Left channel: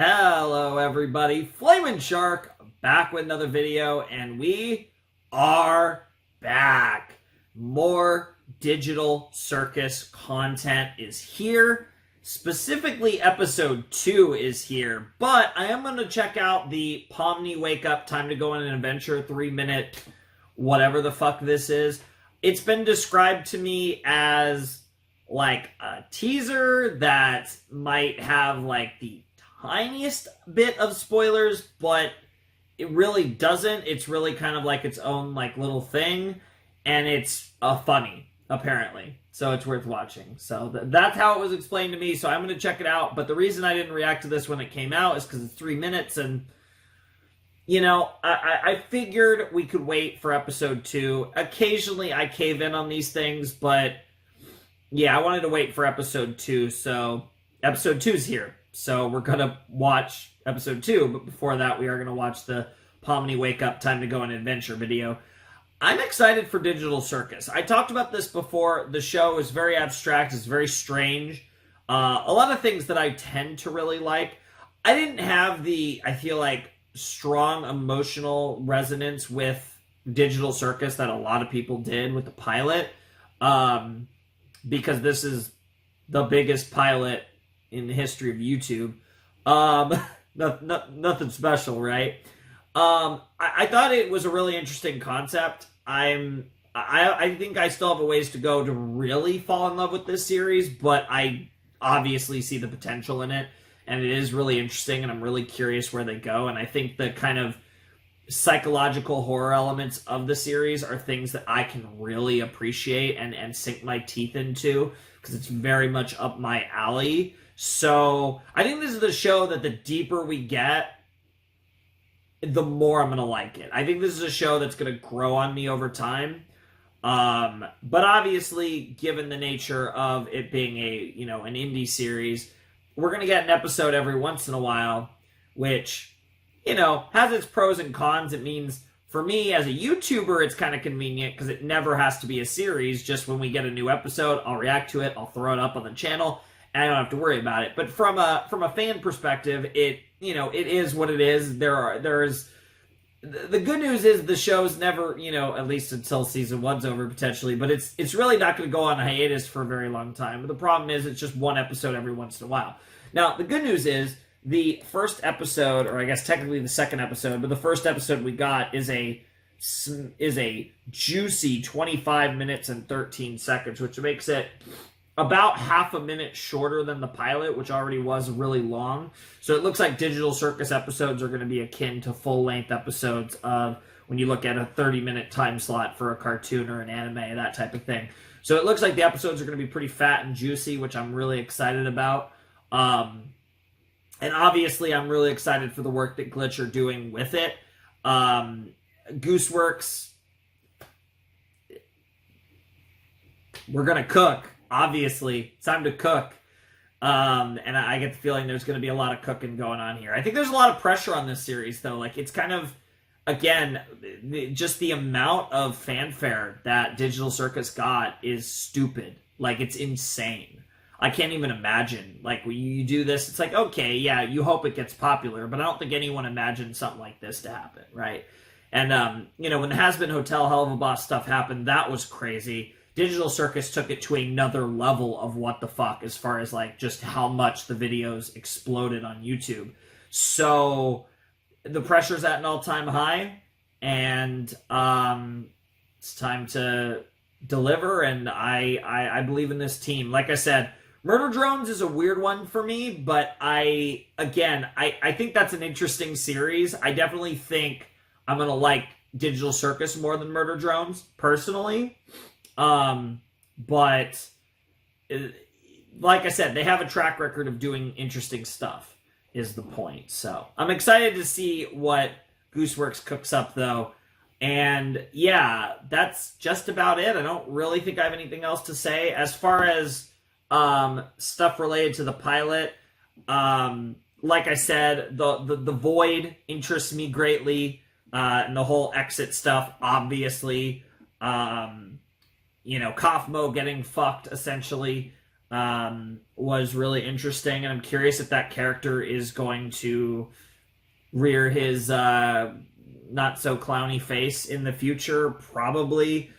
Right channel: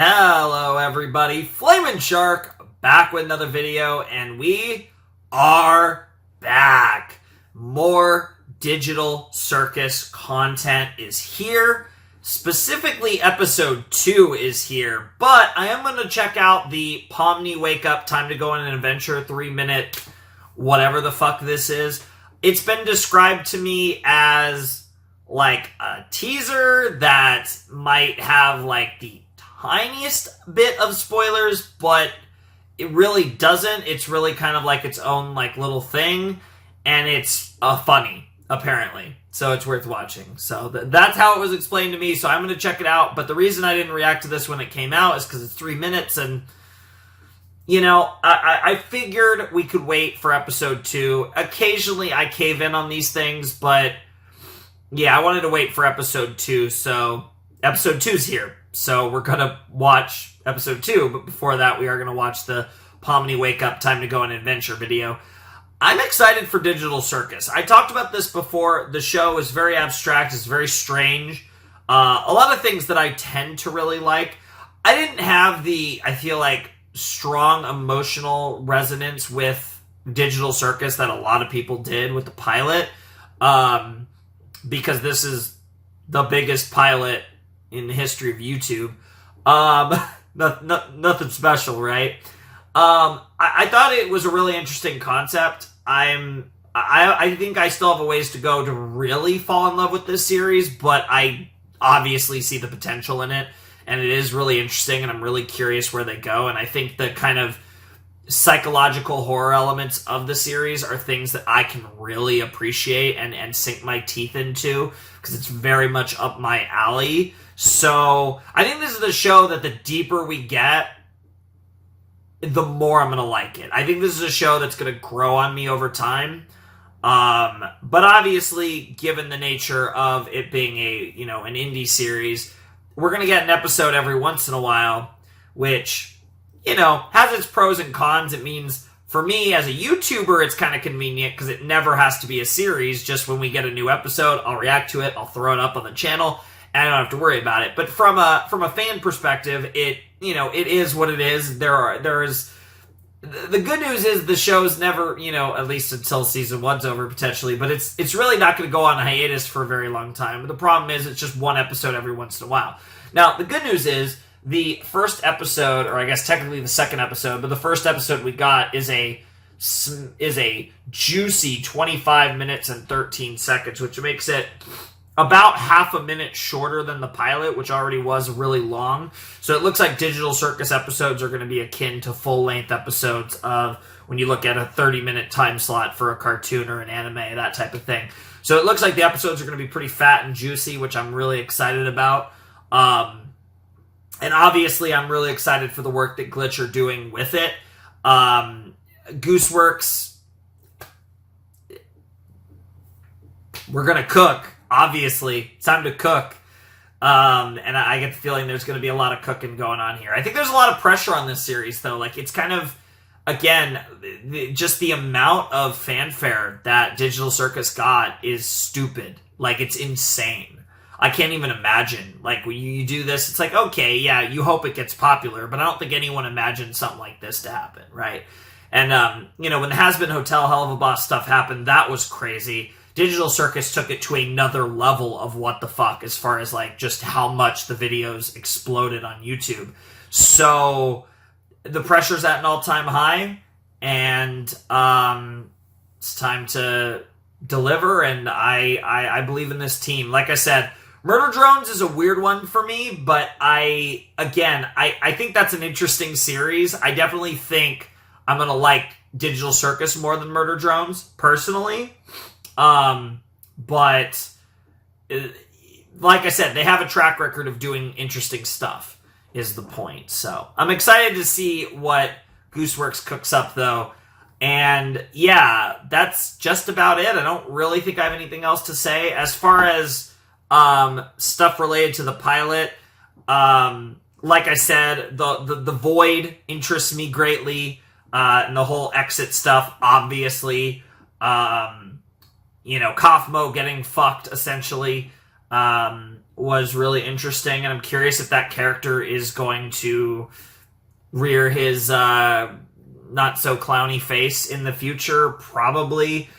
Hello everybody, Flamin' Shark back with another video, and we are back. More Digital Circus content is here. Specifically, episode 2 is here, but I am going to check out the Pomni Wake Up Time to Go on an Adventure 3-minute whatever the fuck this is. It's been described to me as like a teaser that might have like the tiniest bit of spoilers, but it really doesn't. It's really kind of like its own like little thing, and it's funny apparently, so it's worth watching. So that's how it was explained to me, so I'm going to check it out. But the reason I didn't react to this when it came out is because it's 3 minutes, and you know, I figured we could wait for episode 2. Occasionally I cave in on these things, but yeah, I wanted to wait for episode 2, so episode 2's here. So we're going to watch episode 2, but before that we are going to watch the Pomni Wake Up Time to Go on Adventure video. I'm excited for Digital Circus. I talked about this before. The show is very abstract. It's very strange. A lot of things that I tend to really like. I didn't have the, I feel like, strong emotional resonance with Digital Circus that a lot of people did with the pilot. Because this is the biggest pilot in the history of YouTube. Nothing special, right? I thought it was a really interesting concept. I think I still have a ways to go to really fall in love with this series, but I obviously see the potential in it, and it is really interesting, and I'm really curious where they go, and I think the kind of psychological horror elements of the series are things that I can really appreciate and sink my teeth into, because it's very much up my alley. So I think this is the show that the deeper we get, the more I'm going to like it. I think this is a show that's going to grow on me over time. But obviously, given the nature of it being an indie series, we're going to get an episode every once in a while, which, has its pros and cons. It means, for me, as a YouTuber, it's kind of convenient because it never has to be a series. Just when we get a new episode, I'll react to it, I'll throw it up on the channel, and I don't have to worry about it. But from a fan perspective, it is what it is. The good news is the show's never, at least until season 1's over potentially, but it's really not going to go on hiatus for a very long time. But the problem is it's just one episode every once in a while. Now, the good news is the first episode, or I guess technically the second episode, but the first episode we got is a juicy 25 minutes and 13 seconds, which makes it about half a minute shorter than the pilot, which already was really long. So it looks like Digital Circus episodes are going to be akin to full-length episodes of when you look at a 30-minute time slot for a cartoon or an anime, that type of thing. So it looks like the episodes are going to be pretty fat and juicy, which I'm really excited about. And obviously, I'm really excited for the work that Glitch are doing with it. Gooseworks, we're going to cook. Obviously, it's time to cook. And I get the feeling there's going to be a lot of cooking going on here. I think there's a lot of pressure on this series, though. Like, it's kind of, again, just the amount of fanfare that Digital Circus got is stupid. Like, it's insane. I can't even imagine. Like, when you do this, it's like, okay, yeah, you hope it gets popular, but I don't think anyone imagined something like this to happen, right? And, when the Has-Been Hotel Hell of a Boss stuff happened, that was crazy. Digital Circus took it to another level of what the fuck as far as, like, just how much the videos exploded on YouTube. So, the pressure's at an all-time high, and it's time to deliver, and I believe in this team. Like I said, Murder Drones is a weird one for me, but I think that's an interesting series. I definitely think I'm going to like Digital Circus more than Murder Drones, personally. But like I said, they have a track record of doing interesting stuff, is the point. So I'm excited to see what Gooseworks cooks up, though. And yeah, that's just about it. I don't really think I have anything else to say. As far as stuff related to the pilot, like I said, the void interests me greatly, and the whole exit stuff, obviously. Kaufmo getting fucked, essentially. was really interesting, and I'm curious if that character is going to rear his not so clowny face in the future. Probably.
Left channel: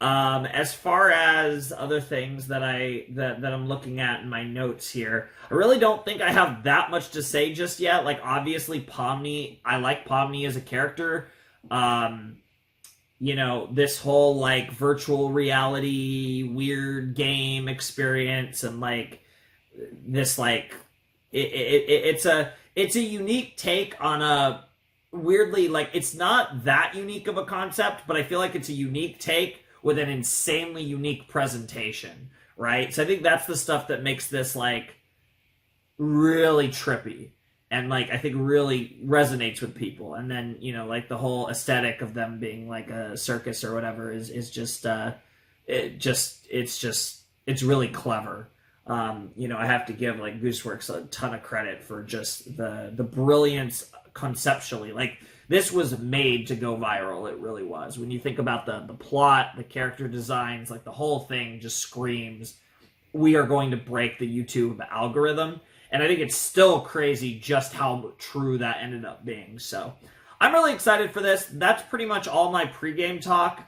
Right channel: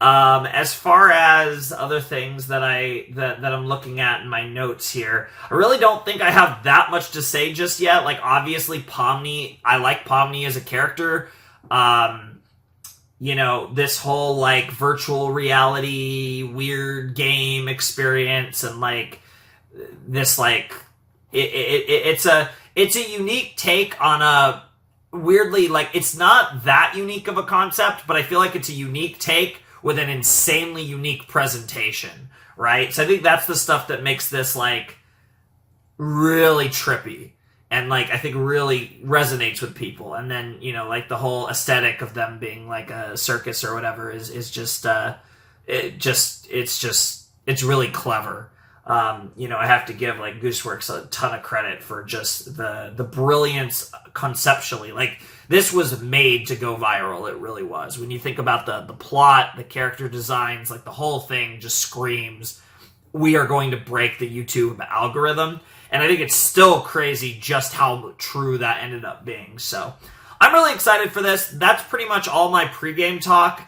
As far as other things that I'm looking at in my notes here, I really don't think I have that much to say just yet. Like, obviously, Pomni, I like Pomni as a character. You know, this whole, like, virtual reality weird game experience, and, like, this, like, it's a unique take on a weirdly, like, it's not that unique of a concept, but I feel like it's a unique take with an insanely unique presentation, right? So I think that's the stuff that makes this, like, really trippy, and, like, I think really resonates with people. And then, you know, like, the whole aesthetic of them being, like, a circus or whatever is just, it's really clever. You know, I have to give, like, Gooseworks a ton of credit for just the brilliance conceptually. Like, this was made to go viral. It really was. When you think about the plot, the character designs, like, the whole thing just screams, we are going to break the YouTube algorithm. And I think it's still crazy just how true that ended up being. So I'm really excited for this. That's pretty much all my pregame talk.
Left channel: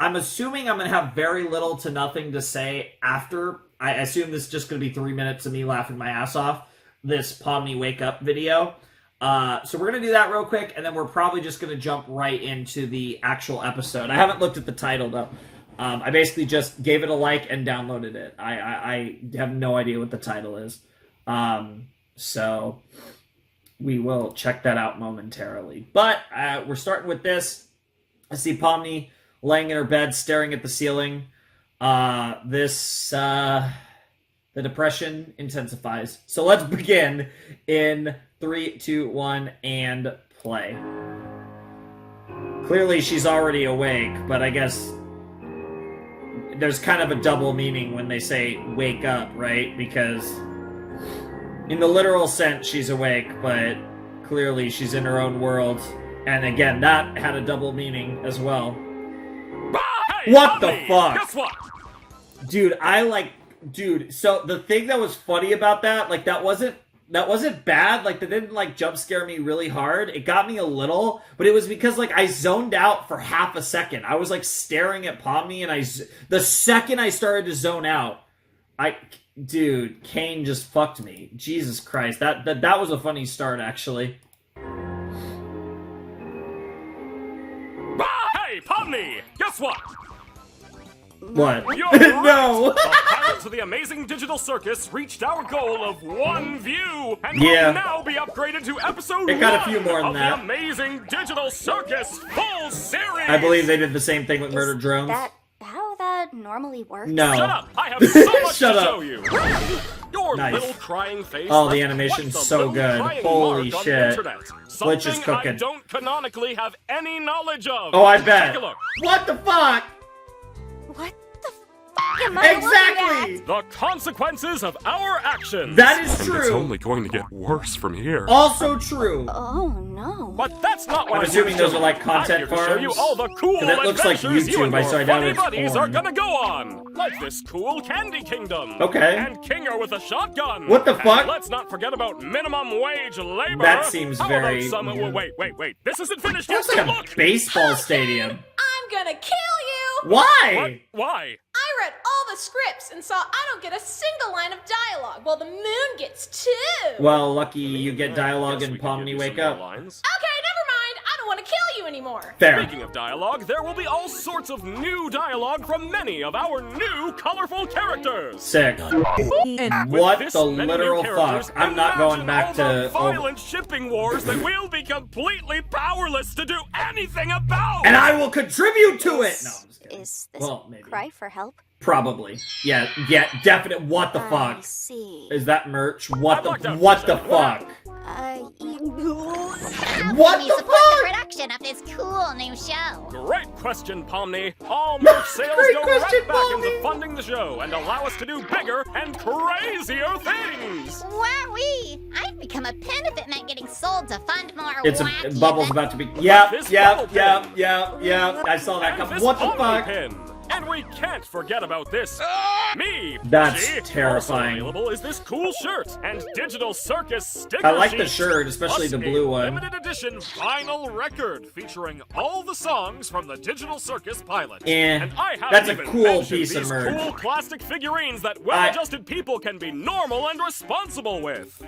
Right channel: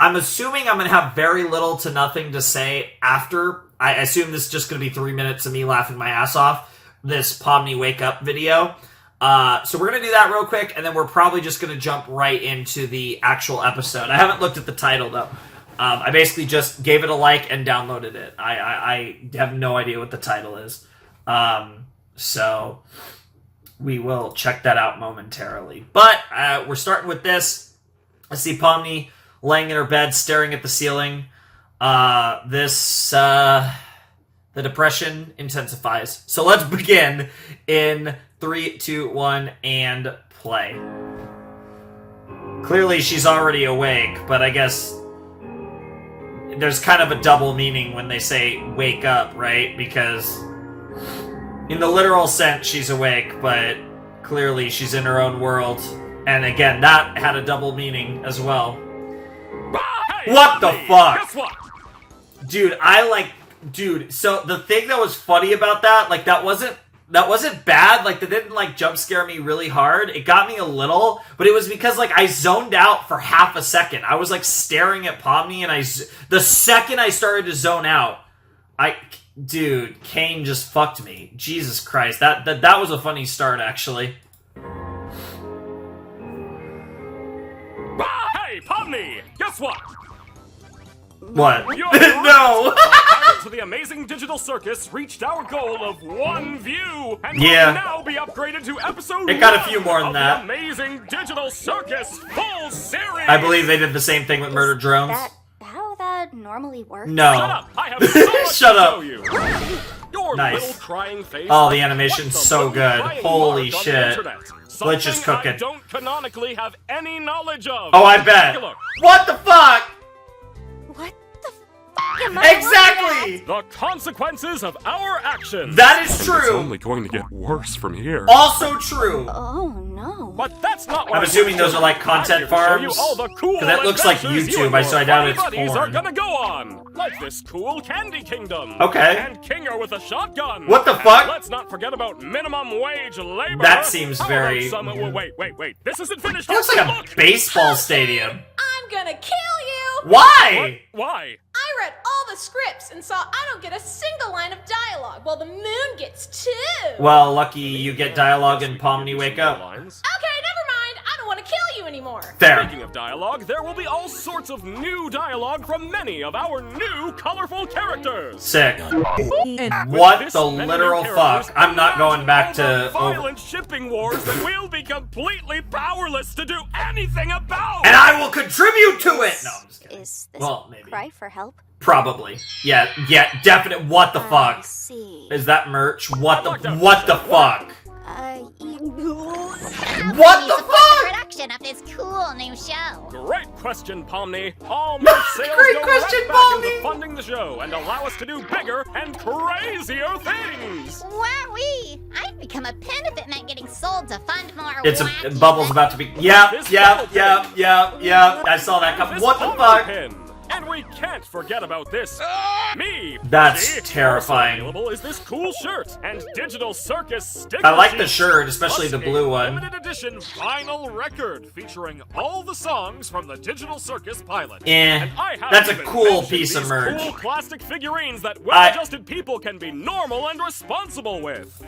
I'm assuming I'm going to have very little to nothing to say after. I assume this is just going to be 3 minutes of me laughing my ass off, this Pomni Wake Up video. So we're going to do that real quick, and then we're probably just going to jump right into the actual episode. I haven't looked at the title, though. I basically just gave it a like and downloaded it. I have no idea what the title is. So we will check that out momentarily. But we're starting with this. I see Pomni laying in her bed, staring at the ceiling. The depression intensifies. So let's begin in 3, 2, 1, and play. Clearly she's already awake, but I guess there's kind of a double meaning when they say wake up, right? Because in the literal sense she's awake, but clearly she's in her own world. And again, that had a double meaning as well. Hey, what Pomni, the fuck? Guess what? Dude, so the thing that was funny about that, like, that wasn't bad. Like, that didn't, like, jump scare me really hard. It got me a little, but it was because, like, I zoned out for half a second. I was, like, staring at Pomni, and the second I started to zone out, dude, Kane just fucked me. Jesus Christ. That was a funny start, actually. Hey, Pomni! Guess what? What? You're right. No! The pilots of the Amazing Digital Circus reached our goal of 1 view, and will now be upgraded to episode It got a 1 few more than of that. the Amazing Digital Circus full series! I believe they did the same thing with Murder Drones. That how that normally works? No. Shut up! I have so much Shut to up. show you! Your Nice. little crying face. Oh, the left animation's quite the so little good. crying Holy mark on the shit. internet. Glitch is Something cooking. I don't canonically have any knowledge of. Oh, I bet. Take a look. What the fuck? What the f am I Exactly! looking The consequences of our actions. That is And it's true. only going to get worse from here. Also true. at? Oh no. But that's not what I'm I'm assuming here to those show are, like, you. content I'm here to show you farms. all the cool 'Cause that looks like adventures you and YouTube, your so I doubt funny it's buddies porn. are gonna go on. Like this cool Candy Kingdom. Okay. And Kinger with a shotgun. What the And fuck? let's not forget about minimum wage labor. That seems How very- About some... Wait. This isn't finished It looks yet. like a Look. baseball stadium. I'm gonna kill you! Why? Why? I read all the scripts and saw I don't get a single line of dialogue, while the moon gets 2. Well, lucky you get dialogue Guess in we can Pomni give you Wake some Up. more lines. Okay, never mind. I don't want to kill you anymore. Fair. Speaking of dialogue, there will be all sorts of new dialogue from many of our new colorful characters. Sick. With What this the many literal new fuck? characters, I'm not going imagine back all to... the violent shipping wars that we'll be completely powerless to do anything about. And I will contribute to it! No, I'm just kidding. Is this Well, a maybe. cry for help? Probably. Yeah, definite. What the I fuck? see. Is that merch? What I the locked out what for the a second. fuck? What the support fuck? the production of this cool new show? Great question, Pomni. All merch sales Great go question, right back Pomni. into funding the show and allow us to do bigger and crazier things. Wowee! I'd become a pin if it meant getting sold to fund more It's wacky Bubble's events. about to be. Yep. This bubble pin. I saw that And come. this What the Pomni fuck? pin. And we can't forget about this. Me! That's Pushy. terrifying. Also available is this cool shirt and Digital Circus sticker I like the sheets, shirt, especially plus the blue a one. limited edition vinyl record featuring all the songs from the Digital Circus pilot. And I haven't that's a even cool mentioned piece of these merch. cool plastic figurines that well-adjusted people can be normal and responsible with.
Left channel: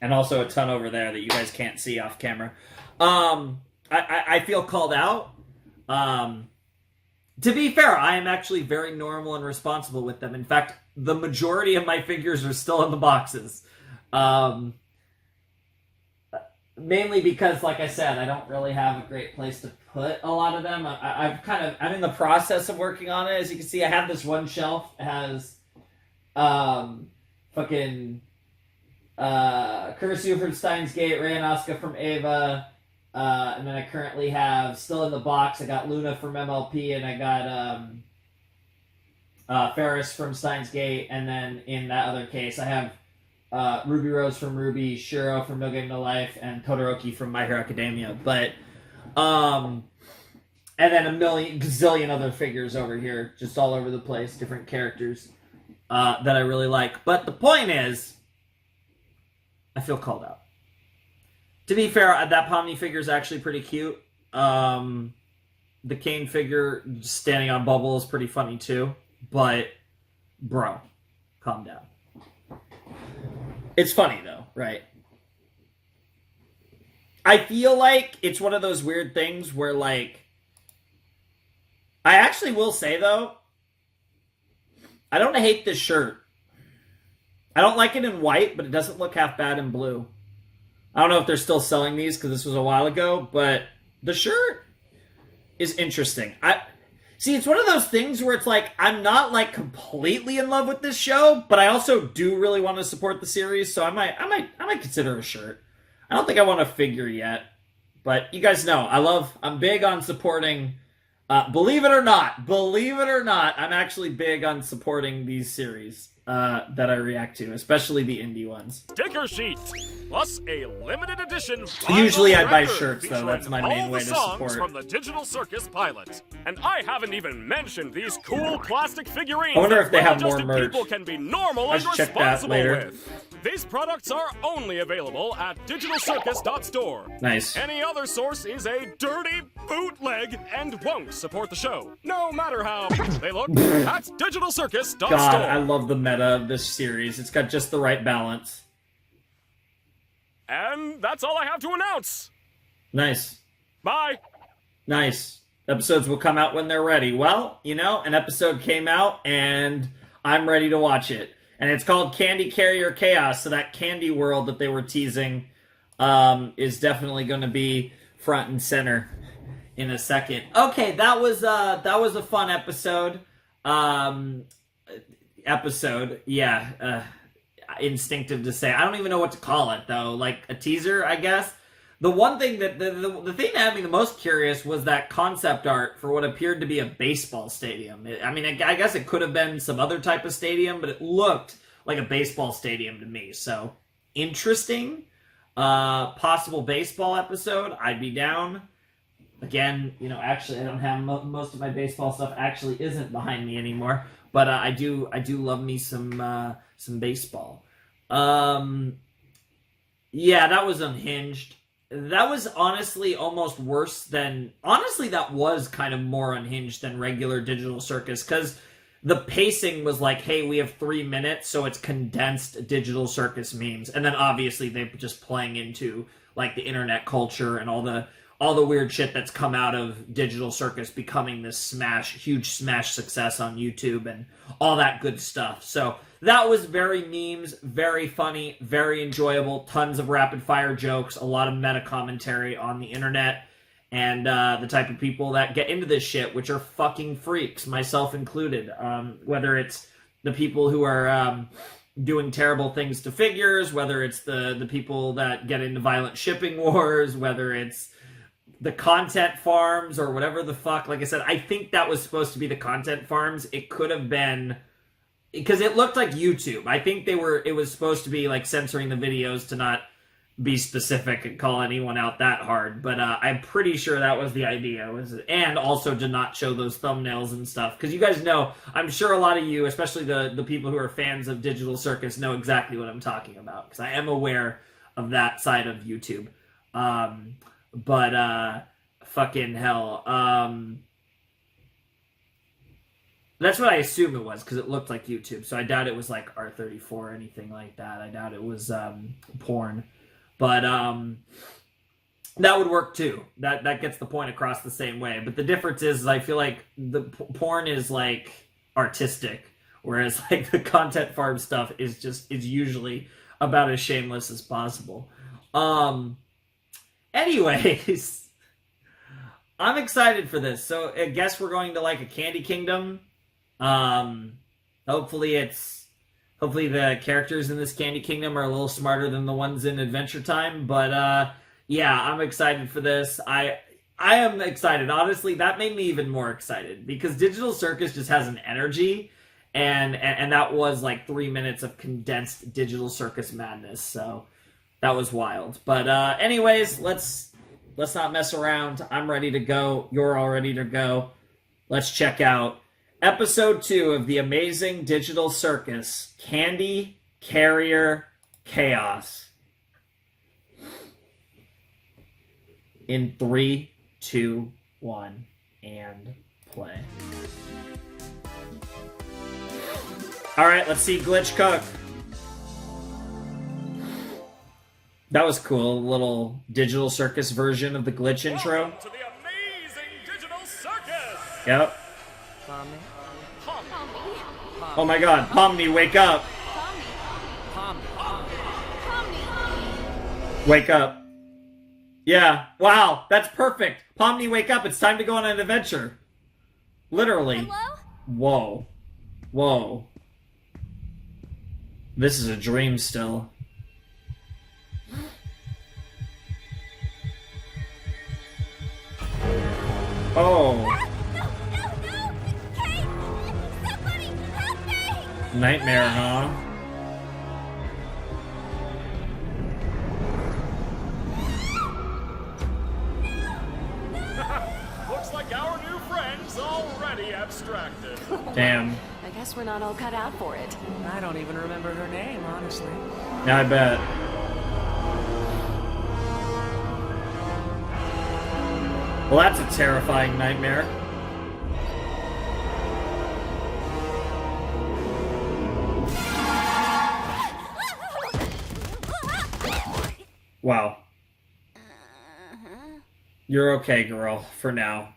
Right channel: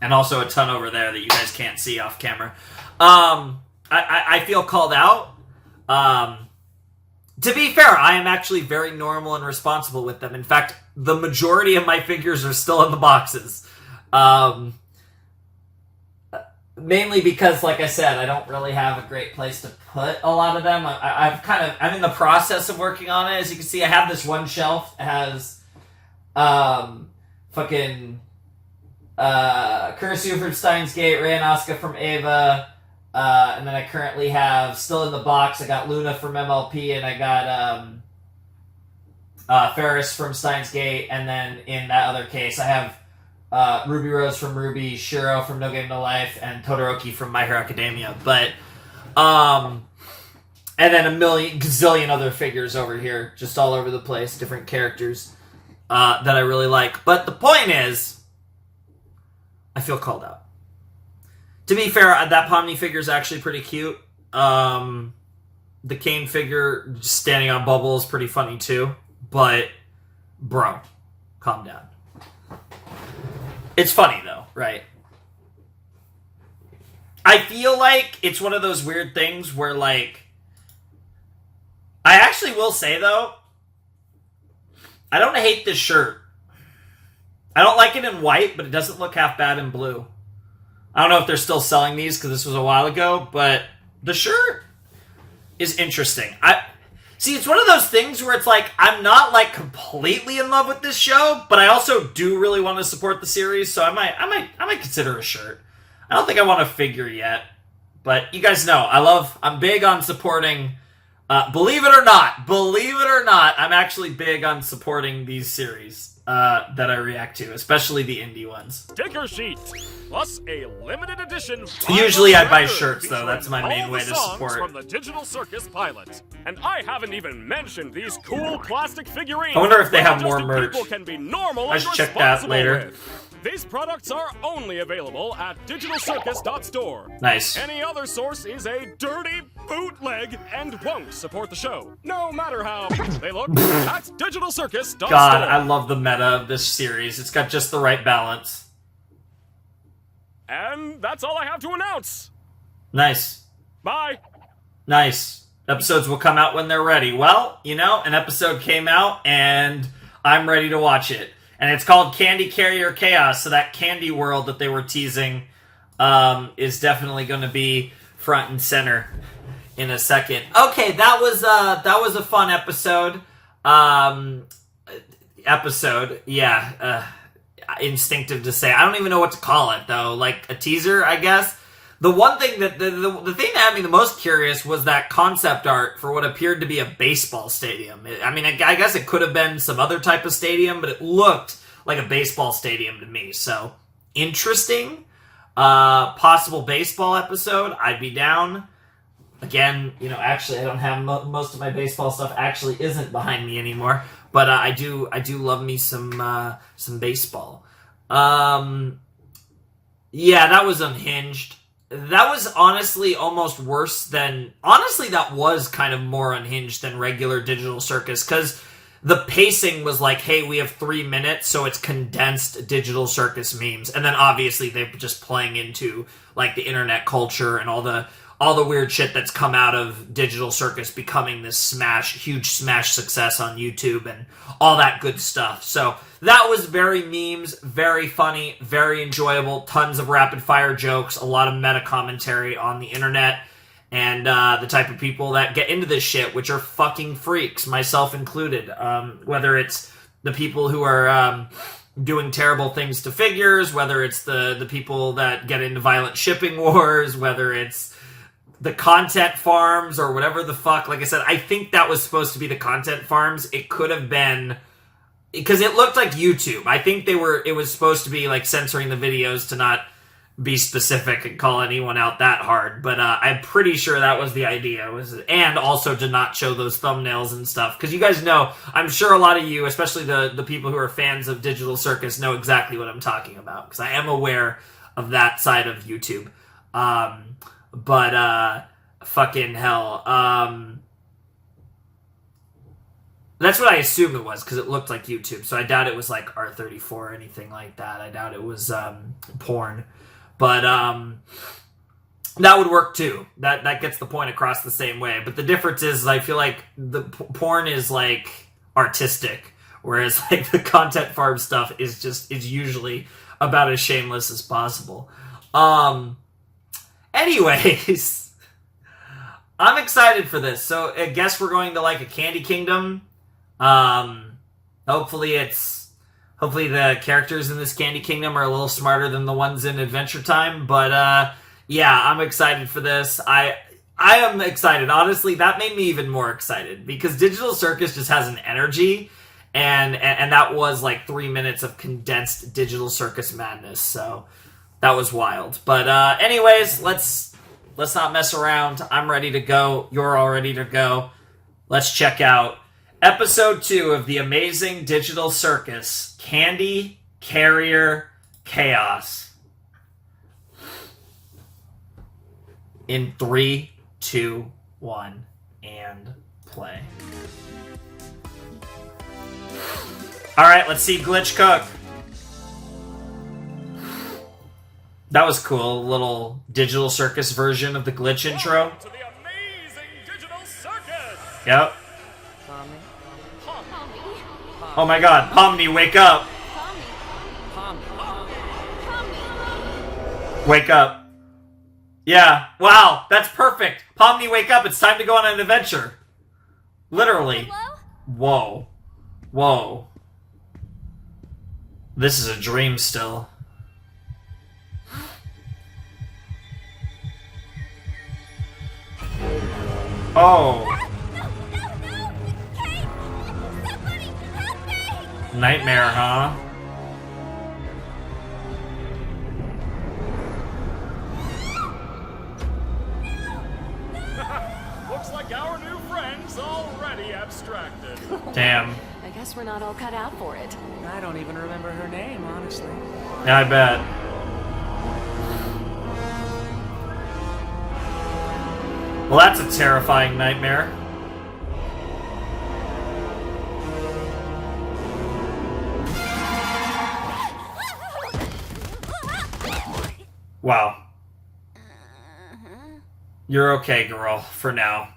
And also a ton over there that you guys can't see off camera. I feel called out. To be fair, I am actually very normal and responsible with them. In fact, the majority of my figures are still in the boxes. Mainly because, like I said, I don't really have a great place to put a lot of them. I'm in the process of working on it. As you can see, I have this one shelf that has Kursu from Steins Gate, Ray and Asuka from Ava, and then I currently have, still in the box, I got Luna from MLP, and I got Ferris from Steins Gate, and then in that other case, I have Ruby Rose from Ruby, Shiro from No Game No Life, and Todoroki from My Hero Academia. But, and then a gazillion other figures over here, just all over the place, different characters that I really like. But the point is, I feel called out. To be fair, that Pomni figure is actually pretty cute. The Kane figure just standing on Bubble is pretty funny too. But, bro, calm down. It's funny though, right? I feel like it's one of those weird things where, like, I actually will say though, I don't hate this shirt. I don't like it in white, but it doesn't look half bad in blue. I don't know if they're still selling these because this was a while ago, but the shirt is interesting. See, it's one of those things where it's like, I'm not like completely in love with this show, but I also do really want to support the series, so I might consider a shirt. I don't think I want a figure yet, but you guys know, I'm big on supporting, believe it or not, I'm actually big on supporting these series. That I react to, especially the indie ones. Sticker sheet, plus a limited edition. Usually I buy record shirts, though. That's my main way to support. From the Digital Circus pilot, and I haven't even mentioned these cool plastic figurines. I wonder if they have more well-adjusted merch. People can be normal Let's and check that responsible later. with. These products are only available at digitalcircus.store. Nice. Any other source is a dirty bootleg and won't support the show, no matter how they look. That's digitalcircus.store. God, I love the meta of this series. It's got just the right balance. And that's all I have to announce. Nice. Bye. Nice. Episodes will come out when they're ready. Well, you know, an episode came out, and I'm ready to watch it. And it's called Candy Carrier Chaos, so that candy world that they were teasing is definitely going to be front and center in a second. Okay, that was a fun episode. Instinctive to say. I don't even know what to call it, though. Like, a teaser, I guess. The one thing that, the thing that had me the most curious was that concept art for what appeared to be a baseball stadium. I guess it could have been some other type of stadium, but it looked like a baseball stadium to me. So, interesting. Possible baseball episode. I'd be down. Again, you know, actually, I don't have most of my baseball stuff actually isn't behind me anymore. But I do love me some baseball. Yeah, that was unhinged. That was honestly almost worse than... Honestly, that was kind of more unhinged than regular Digital Circus, because the pacing was like, hey, we have 3 minutes, so it's condensed Digital Circus memes. And then obviously they're just playing into like the internet culture and all the weird shit that's come out of Digital Circus becoming this huge smash success on YouTube and all that good stuff. So that was very memes, very funny, very enjoyable, tons of rapid fire jokes, a lot of meta commentary on the internet, and the type of people that get into this shit, which are fucking freaks, myself included. Whether it's the people who are doing terrible things to figures, whether it's the people that get into violent shipping wars, whether it's the content farms or whatever the fuck. Like I said, I think that was supposed to be the content farms. It could have been because it looked like YouTube. I think it was supposed to be like censoring the videos to not be specific and call anyone out that hard, but I'm pretty sure that was the idea, and also to not show those thumbnails and stuff, because you guys know, I'm sure a lot of you, especially the people who are fans of Digital Circus, know exactly what I'm talking about, because I am aware of that side of YouTube. But fucking hell, that's what I assume it was, because it looked like YouTube, so I doubt it was like R34 or anything like that. I doubt it was porn. But that would work too. That gets the point across the same way. But the difference is I feel like the porn is like artistic, whereas like the content farm stuff is usually about as shameless as possible. Anyways, I'm excited for this. So I guess we're going to like a Candy Kingdom. Hopefully the characters in this Candy Kingdom are a little smarter than the ones in Adventure Time, but yeah, I'm excited for this. I am excited. Honestly, that made me even more excited because Digital Circus just has an energy, and that was like 3 minutes of condensed Digital Circus madness. So that was wild. But anyways, let's not mess around. I'm ready to go. You're all ready to go. Let's check out Episode 2 of the Amazing Digital Circus, Candy Carrier Chaos. In 3, 2, 1, and play. Alright, let's see Glitch cook. That was cool. A little Digital Circus version of the Glitch intro. Welcome to the Amazing Digital Circus! Yep. Pomni? Oh my god, Pomni, wake up! Wake up. Yeah, wow, that's perfect. Pomni, wake up, it's time to go on an adventure. Literally. Hello? Whoa. Whoa. This is a dream still. Oh. Kate! Somebody help me! Nightmare, huh? Looks like our new friend's already abstracted. Damn. I guess we're not all cut out for it. I don't even remember her name, honestly. Yeah, I bet. Well, that's a terrifying nightmare. Wow. You're okay, girl, for now.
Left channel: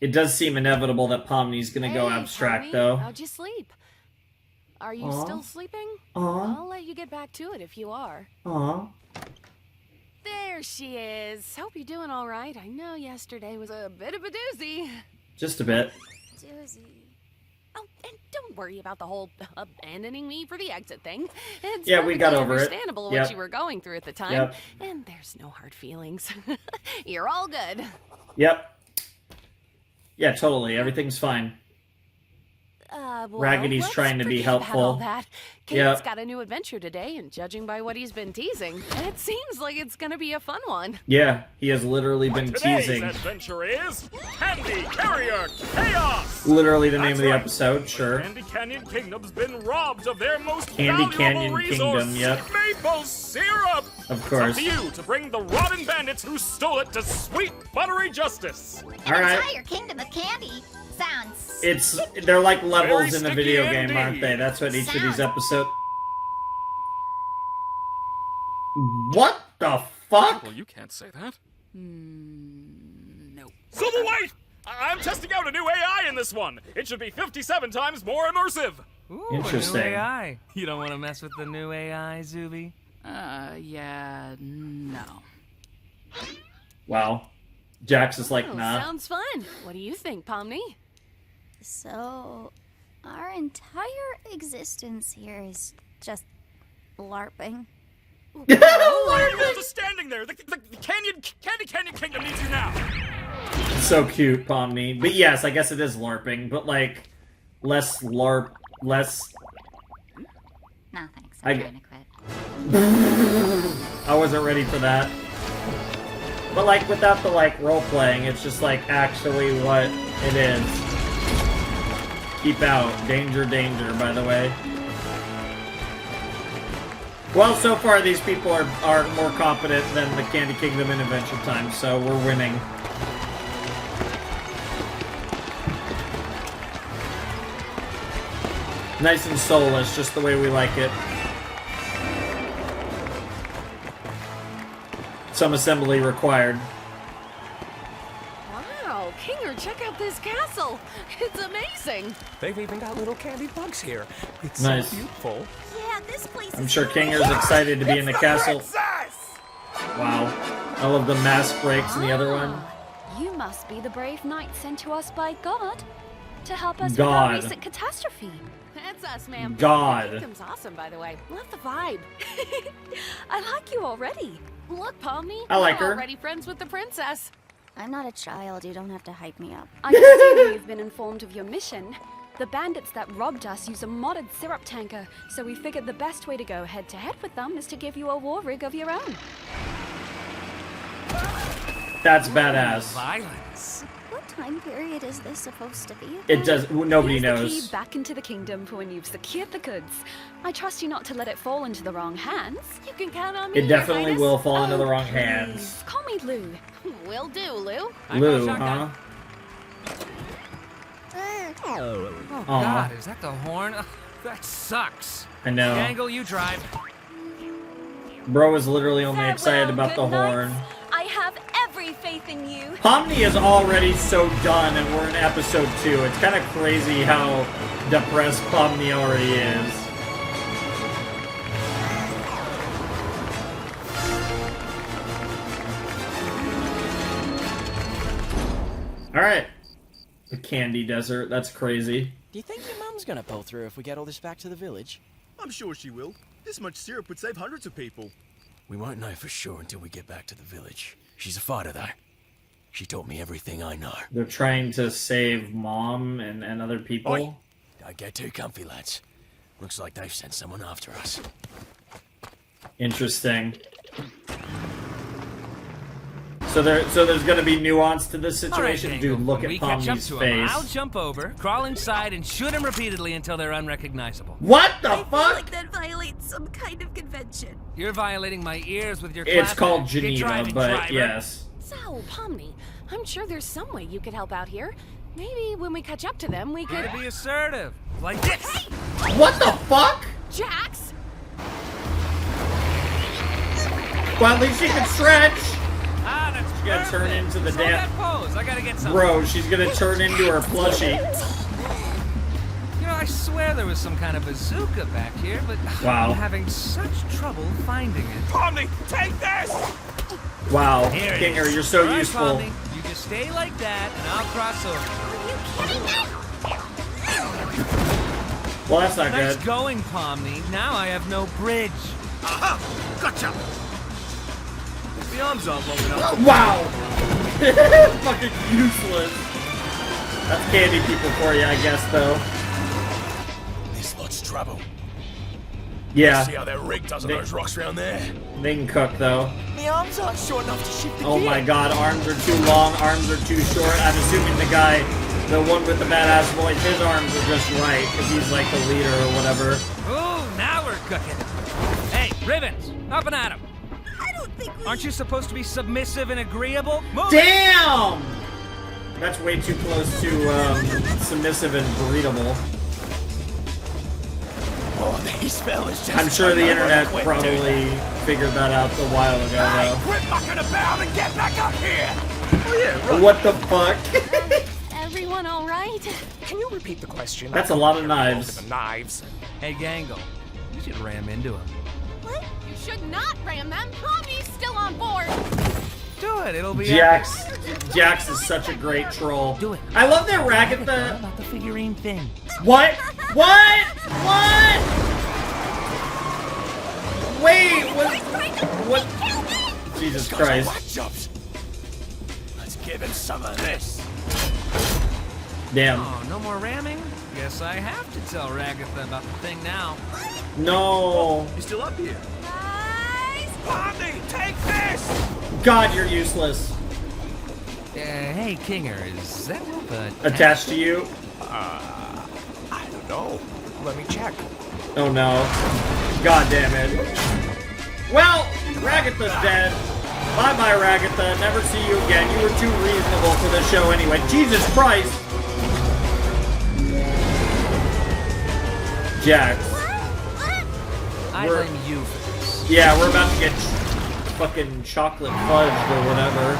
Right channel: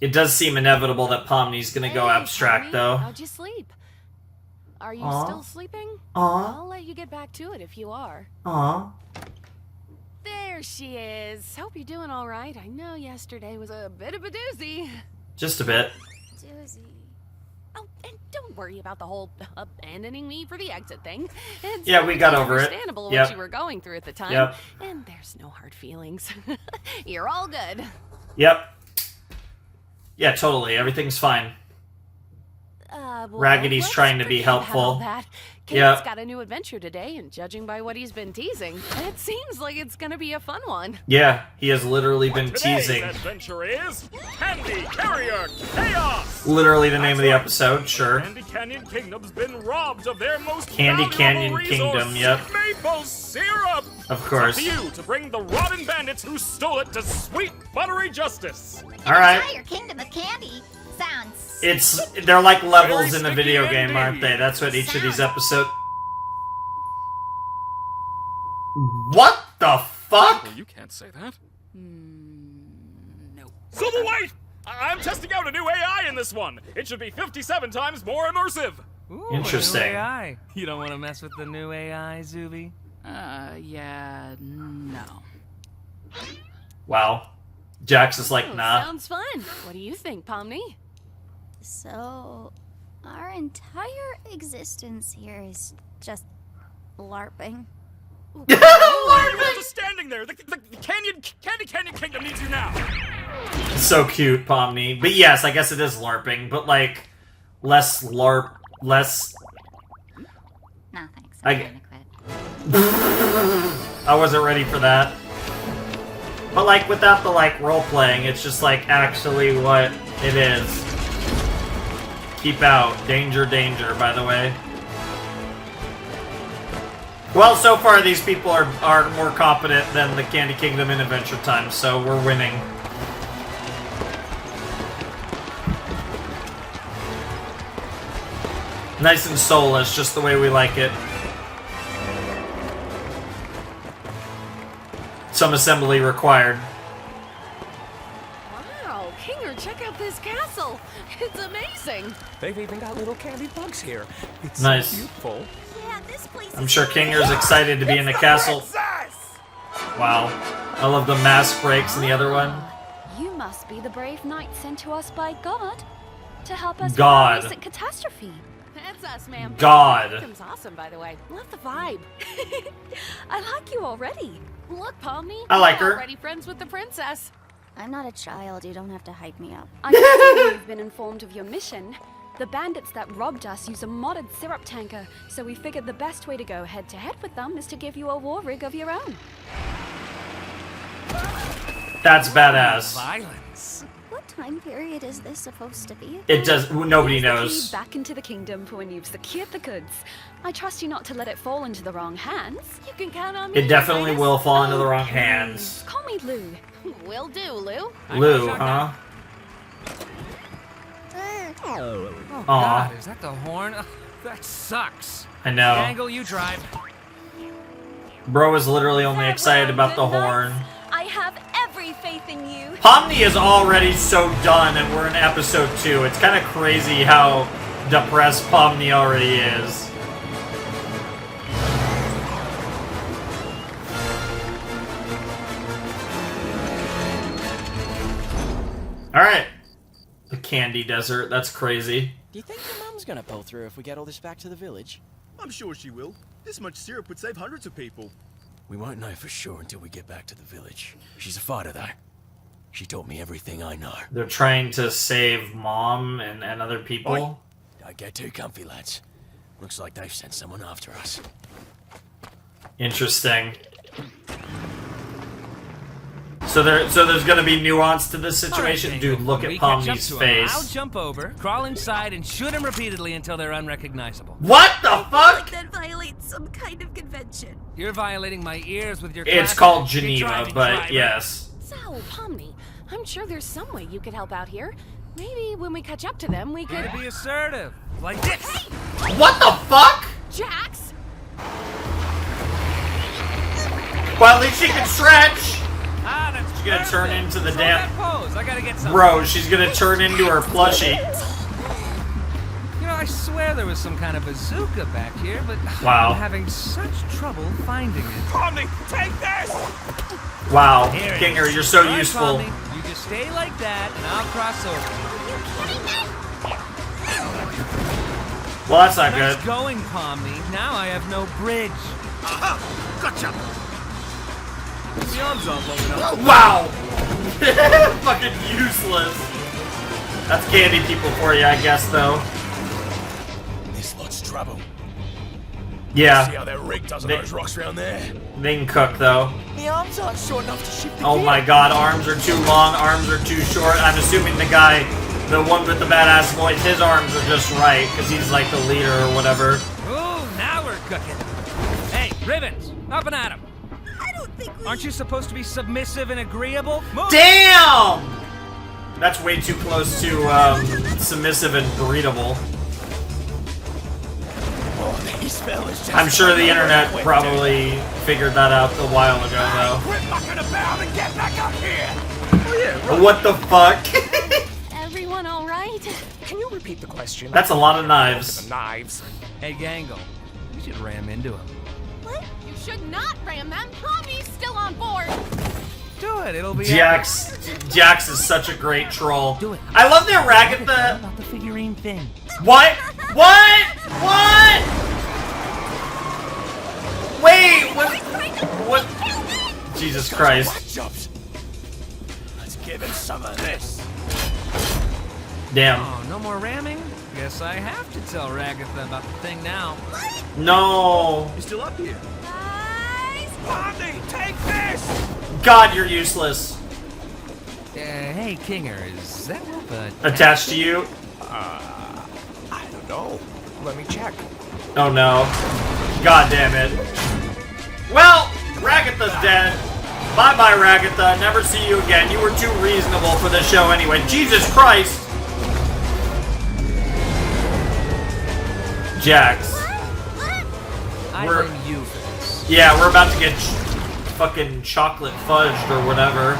It does seem inevitable that Pomni's gonna go abstract, Pomni, though. How'd you sleep? Are you Aw. still sleeping? Aw. I'll let you get back to it if you are. Aw. There she is. Hope you're doing all right. I know yesterday was a bit of a doozy. Just a bit. Doozy. Oh, and don't worry about the whole abandoning me for the exit thing. It's Yeah, we got over it. understandable what Yep. you were going through at the time. Yep. And there's no hard feelings. You're all good. Yep. Yeah, totally. Everything's fine. Well, Raggedy's let's trying to be forget about helpful. all that. Kate's Yep. got a new adventure today, and judging by what he's been teasing, it seems like it's gonna be a fun one. Yeah, he has literally been Today's teasing. adventure is Candy Carrier Chaos! Literally the name That's of the right. episode, The sure. Candy Canyon Kingdom's been robbed of their most Candy valuable Canyon resource, Kingdom, yep. maple syrup! Of course. It's up to you to bring the rotten bandits who stole it to sweet, buttery justice. An All right. entire kingdom of candy sounds. They're like levels Very in a sticky video game, aren't indeed. they? That's what each of these Sound. episodes. What the fuck? Well, you can't say that. No. Silver White! I'm testing out a new AI in this one. It should be 57 times more immersive. Ooh, Interesting. A new AI. You don't want to mess with the new AI, Zuby? Yeah, no. Wow. Jax is like, Oh, nah. sounds fun. What do you think, Pomni? So, our entire existence here is just LARPing. Why are you all just standing there? The Candy Canyon Kingdom needs you now. So cute, Pomni. But yes, I guess it is LARPing, but like less LARP less. No, thanks. I I'm g- trying to quit. I wasn't ready for that. But like without the like role playing, it's just like actually what it is. Keep out. Danger, danger, by the way. Well, so far these people are more competent than the Candy Kingdom in Adventure Time, so we're winning. Nice and soulless, just the way we like it. Some assembly required. Wow, Kinger, check out this castle. It's amazing. They've even got little candy bugs here. It's Nice. so beautiful. Yeah, this place I'm is sure Kinger's excited to be in the castle. Wow. I love the mask breaks in the other one. You must be the brave knight sent to us by God to help us God. with our recent catastrophe. That's us, ma'am. God. Kingdom's awesome, by the way. Love the vibe. I like you already. Look, Pomni. I like we're her. already friends with the princess. I'm not a child. You don't have to hype me up. I see you've been informed of your mission. The bandits that robbed us use a modded syrup tanker, so we figured the best way to go head-to-head with them is to give you a war rig of your own. That's badass. Violence. What time period is this supposed to be? It does. Nobody Here's the knows. key back into the kingdom for when you've secured the goods. I trust you not to let it fall into the wrong hands. You can count on me. It definitely Your Highness. will fall into the wrong Please, hands. call me Lou. Will do, Lou. Lou, huh? Oh Aw. God, is that the horn? Ugh, that sucks. I know. Dangle, you drive. Bro is literally only Farewell, excited about the good horn. knights. I have every faith in you. Pomni is already so done, and we're in episode 2. It's kind of crazy how depressed Pomni already is. Alright. The Candy Desert. That's crazy. Do you think your mum's gonna pull through if we get all this back to the village? I'm sure she will. This much syrup would save hundreds of people. We won't know for sure until we get back to the village. She's a fighter, though. She taught me everything I know. They're trying to save Mom and other people. Oi! Don't get too comfy, lads. Looks like they've sent someone after us. Interesting. So there's gonna be nuance to this situation. All right, Dangle, Dude, look when at we catch up Pomni's to 'em, face. I'll jump over, crawl inside, and shoot him repeatedly until they're unrecognizable. What the fuck? Like that violates some kind of convention. You're violating my ears with your It's classic called "Get Geneva, driving, but driver." yes. So, Pomni, I'm sure there's some way you could help out here. Maybe when we catch up to them, we could... Gotta be assertive. Like this. What the fuck? Jax! Well, at least she can stretch. Ah, that's She's gonna turn perfect. into the Hold damn- that pose. I gotta get some. Bro, she's gonna turn into her plushie. You know, I swear there was some kind of bazooka back here, but Wow. I'm having such trouble finding it. Pomni, take this! Wow, Here it Kinger, is. you're so All right, useful. Pomni, you just stay like that, and I'll cross over. Well, that's not Nice good. going, Pomni. Now I have no bridge. Aha! Gotcha! The arms aren't long enough. Wow! Fucking useless. That's Candy people for you, I guess, though. This lot's trouble. Yeah, See how that rig does on those rocks around there? they can cook, though. The arms aren't short enough to shift the Oh gear. my god, arms are too long, arms are too short. I'm assuming the guy, the one with the badass voice, his arms are just right, because he's like the leader or whatever. Ooh, now we're cooking. Hey, Ribbons, up and at 'em. I don't think we... Aren't you supposed to be submissive and agreeable? Move it. Damn! That's way too close to submissive and breedable. Oh, these fellas just I'm sure the don't know internet when to quit, probably figured that out a while ago, though. Quit mucking about and get back up here! Oh yeah, right. What the fuck? Everyone all right? Can you repeat the question? That's a lot of Look knives. at the knives. Hey, Gangle, you should ram into him. What? You should not ram them. Pomni's still on board. Do it. It'll be Jax is such a great troll. Do it. I love that Ragatha. about the figurine thing. What? What? What? Wait, what? Jesus Guys are Christ. whack jobs. Let's give him some of this. Damn. Oh, no more ramming? Guess I have to tell Ragatha about the thing now. No. He's still up here. Guys! Pomni, take this! God, you're useless. Hey, Kinger, is that rope Attached to you? I don't know. Let me check. Oh no. God damn it. Well, Ragatha's dead. Bye-bye, Ragatha. Never see you again. You were too reasonable for this show anyway. Jesus Christ! Jax. I blame you for this. Yeah, we're about to get fucking chocolate fudged or whatever.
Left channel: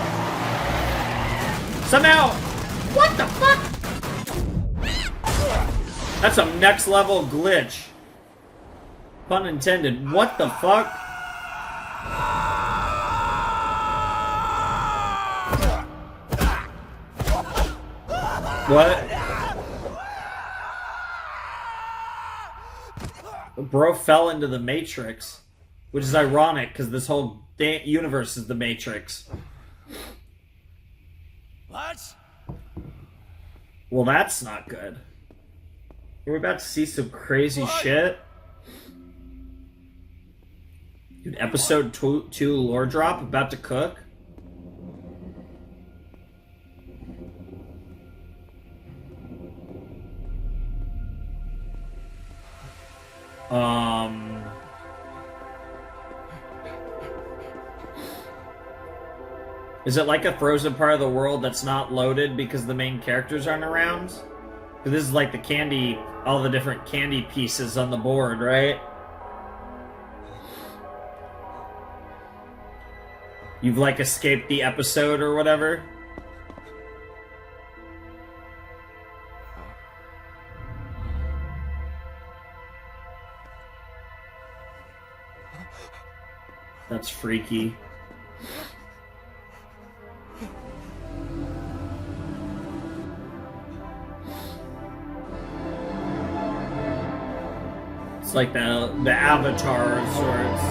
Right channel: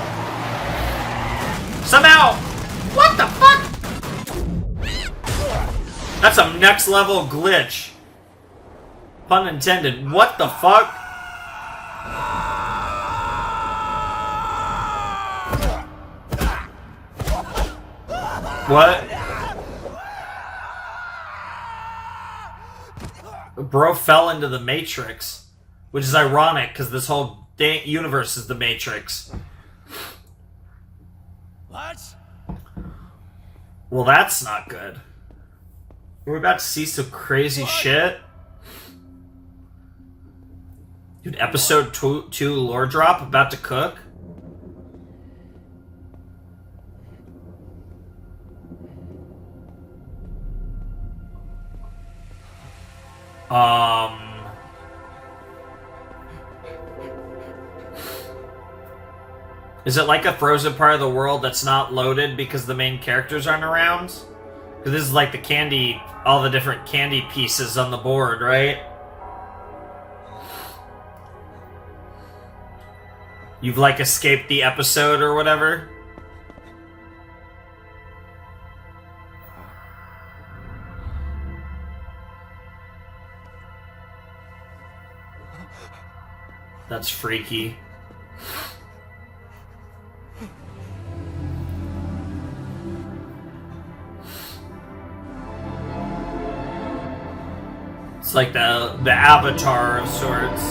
Somehow! What the fuck? That's a next level glitch. Pun intended. What the fuck? What? Bro fell into the Matrix, which is ironic because this whole universe is the Matrix. What? Well, that's not good. We're about to see some crazy shit. Dude, episode 2 lore drop about to cook. Is it like a frozen part of the world that's not loaded because the main characters aren't around? Because this is like the candy, all the different candy pieces on the board, right? You've like escaped the episode or whatever? That's freaky. It's like the Avatar of sorts.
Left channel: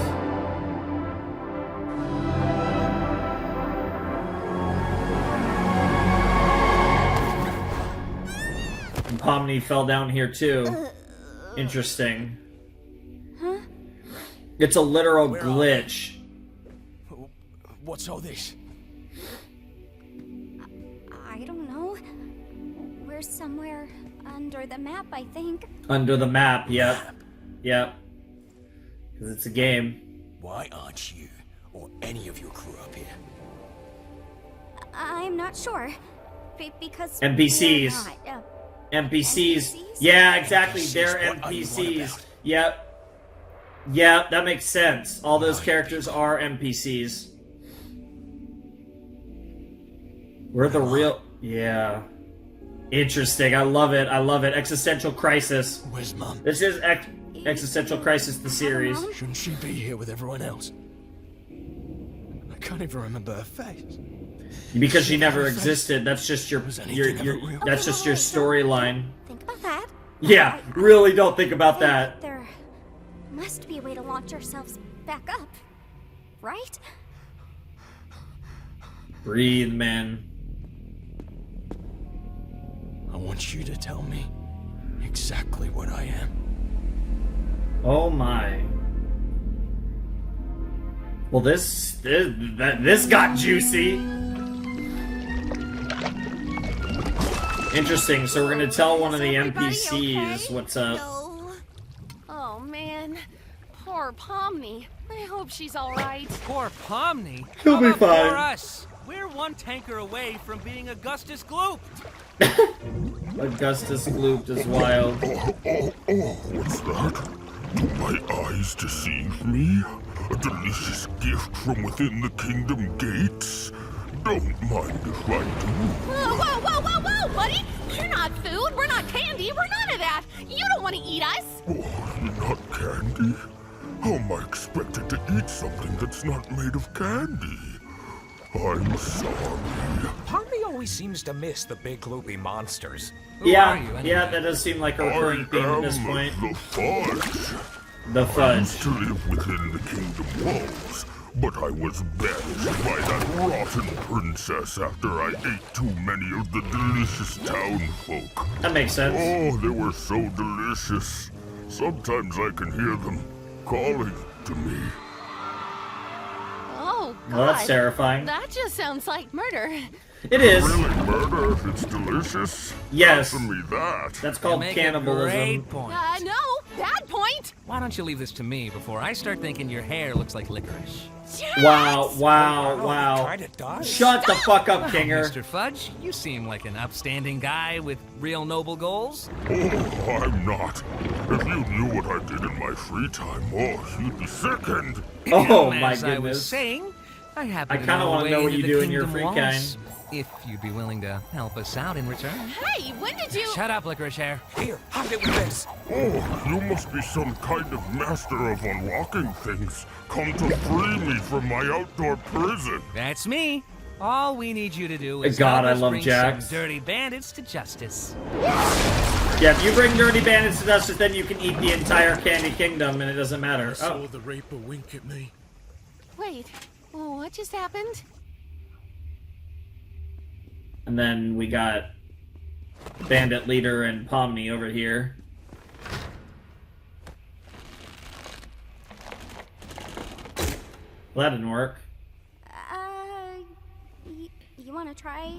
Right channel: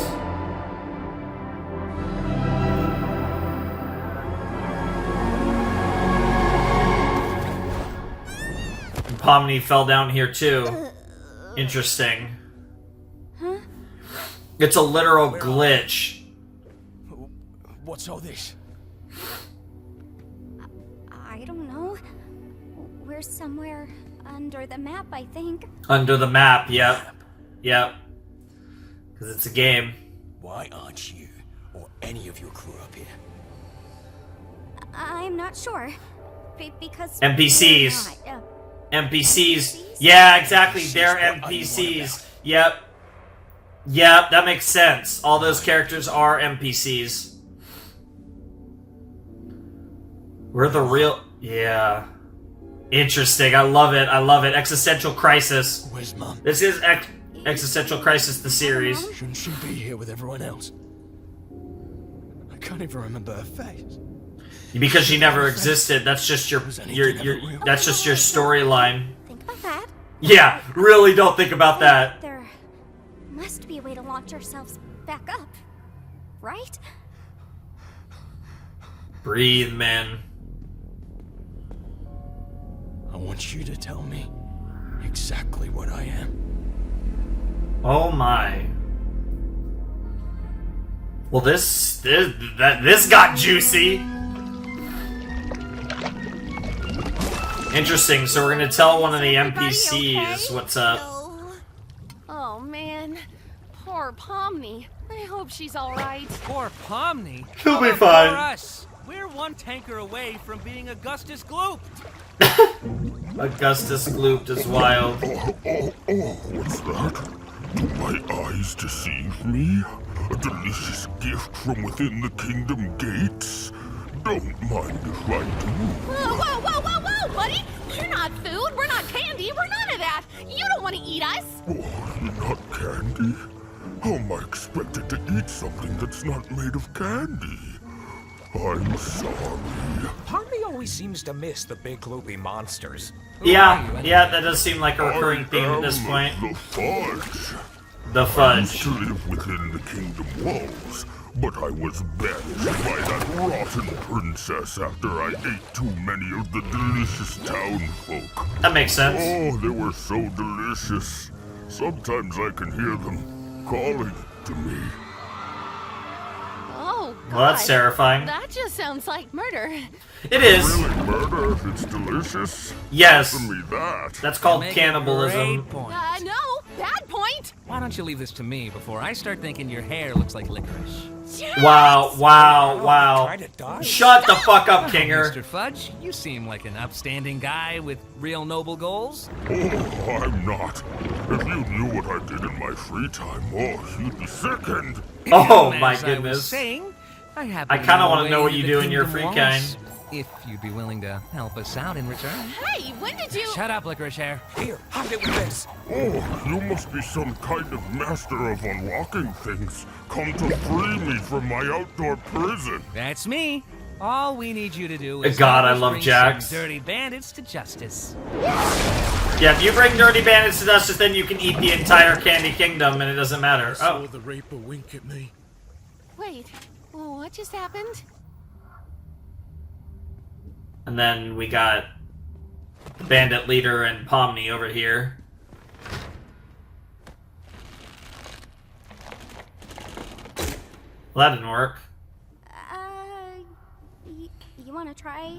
And Pomni fell down here too. Interesting. Huh? It's a literal glitch. What's all this? I don't know. We're somewhere under the map, I think. Under the map, yep. Yep. Because it's a game. Why aren't you or any of your crew up here? I'm not sure. Because NPCs. we're not, NPCs. NPCs? Yeah, exactly. NPCs, They're what are you on NPCs. about? Yep. Yep, that makes sense. All those characters are NPCs. We're the real... Yeah. Interesting. I love it. I love it. Existential Crisis. Where's Mom? This is Existential Crisis, the series. Shouldn't she be here with everyone else? I can't even remember her face. Because she never existed. That's just your that's just your storyline. Think about that. Yeah, really don't think about that. There must be a way to launch ourselves back up, right? Breathe, man. I want you to tell me exactly what I am. Oh my. Well, this got juicy. Interesting. So we're gonna tell one of the NPCs what's up. Oh man, poor Pomni. I hope she's all right. Poor Pomni. He'll How be about fine. For us? We're one tanker away from being Augustus Gloop. Augustus Gloop is wild. What's that? My eyes deceive me? A delicious gift from within the kingdom gates? Don't mind if I do. Whoa, whoa, whoa, whoa, buddy! We're not food, we're not candy, we're none of that! You don't want to eat us! Oh, you're not candy? How am I expected to eat something that's not made of candy? I'm sorry. Pomni always seems to miss the big gloopy monsters. Yeah, yeah, that does seem like a recurring theme at this point. The fudge. The I fudge. used to live within the kingdom walls, but I was banished by that rotten princess after I ate too many of the delicious town folk. That makes sense. Oh, they were so delicious. Sometimes I can hear them calling to me. Oh, God. Well, that's terrifying. That just sounds like murder. It is. Really, murder if it's delicious? Yes. Answer me that. That's called cannibalism. Great point. No, bad point. Why don't you leave this to me before I start thinking your hair looks like licorice? Wow. Kinda does. Shut the fuck up, Kinger. Mr. Fudge, you seem like an upstanding guy with real noble goals. Oh, I'm not. If you knew what I did in my free time, oh, you'd be sickened. Oh, As my I was goodness. saying, I happen I to kinda know a wanna way know what into you the do in your kingdom free walls, time. if you'd be willing to help us out in return. Hey, when did you... Shut up, licorice hair. Here, hide it with this. Oh, you must be some kind of master of unlocking things. Come to free me from my outdoor prison. That's me. All we need you to do is God, help I us love bring Jax. some dirty bandits to justice. Yeah, if you bring dirty bandits to justice, then you can eat the entire Candy Kingdom, and it doesn't matter. Oh, the Reaper wink at me. Wait, well, what just happened? and then we got Bandit Leader and Pomni over here. Well, that didn't work. You want to try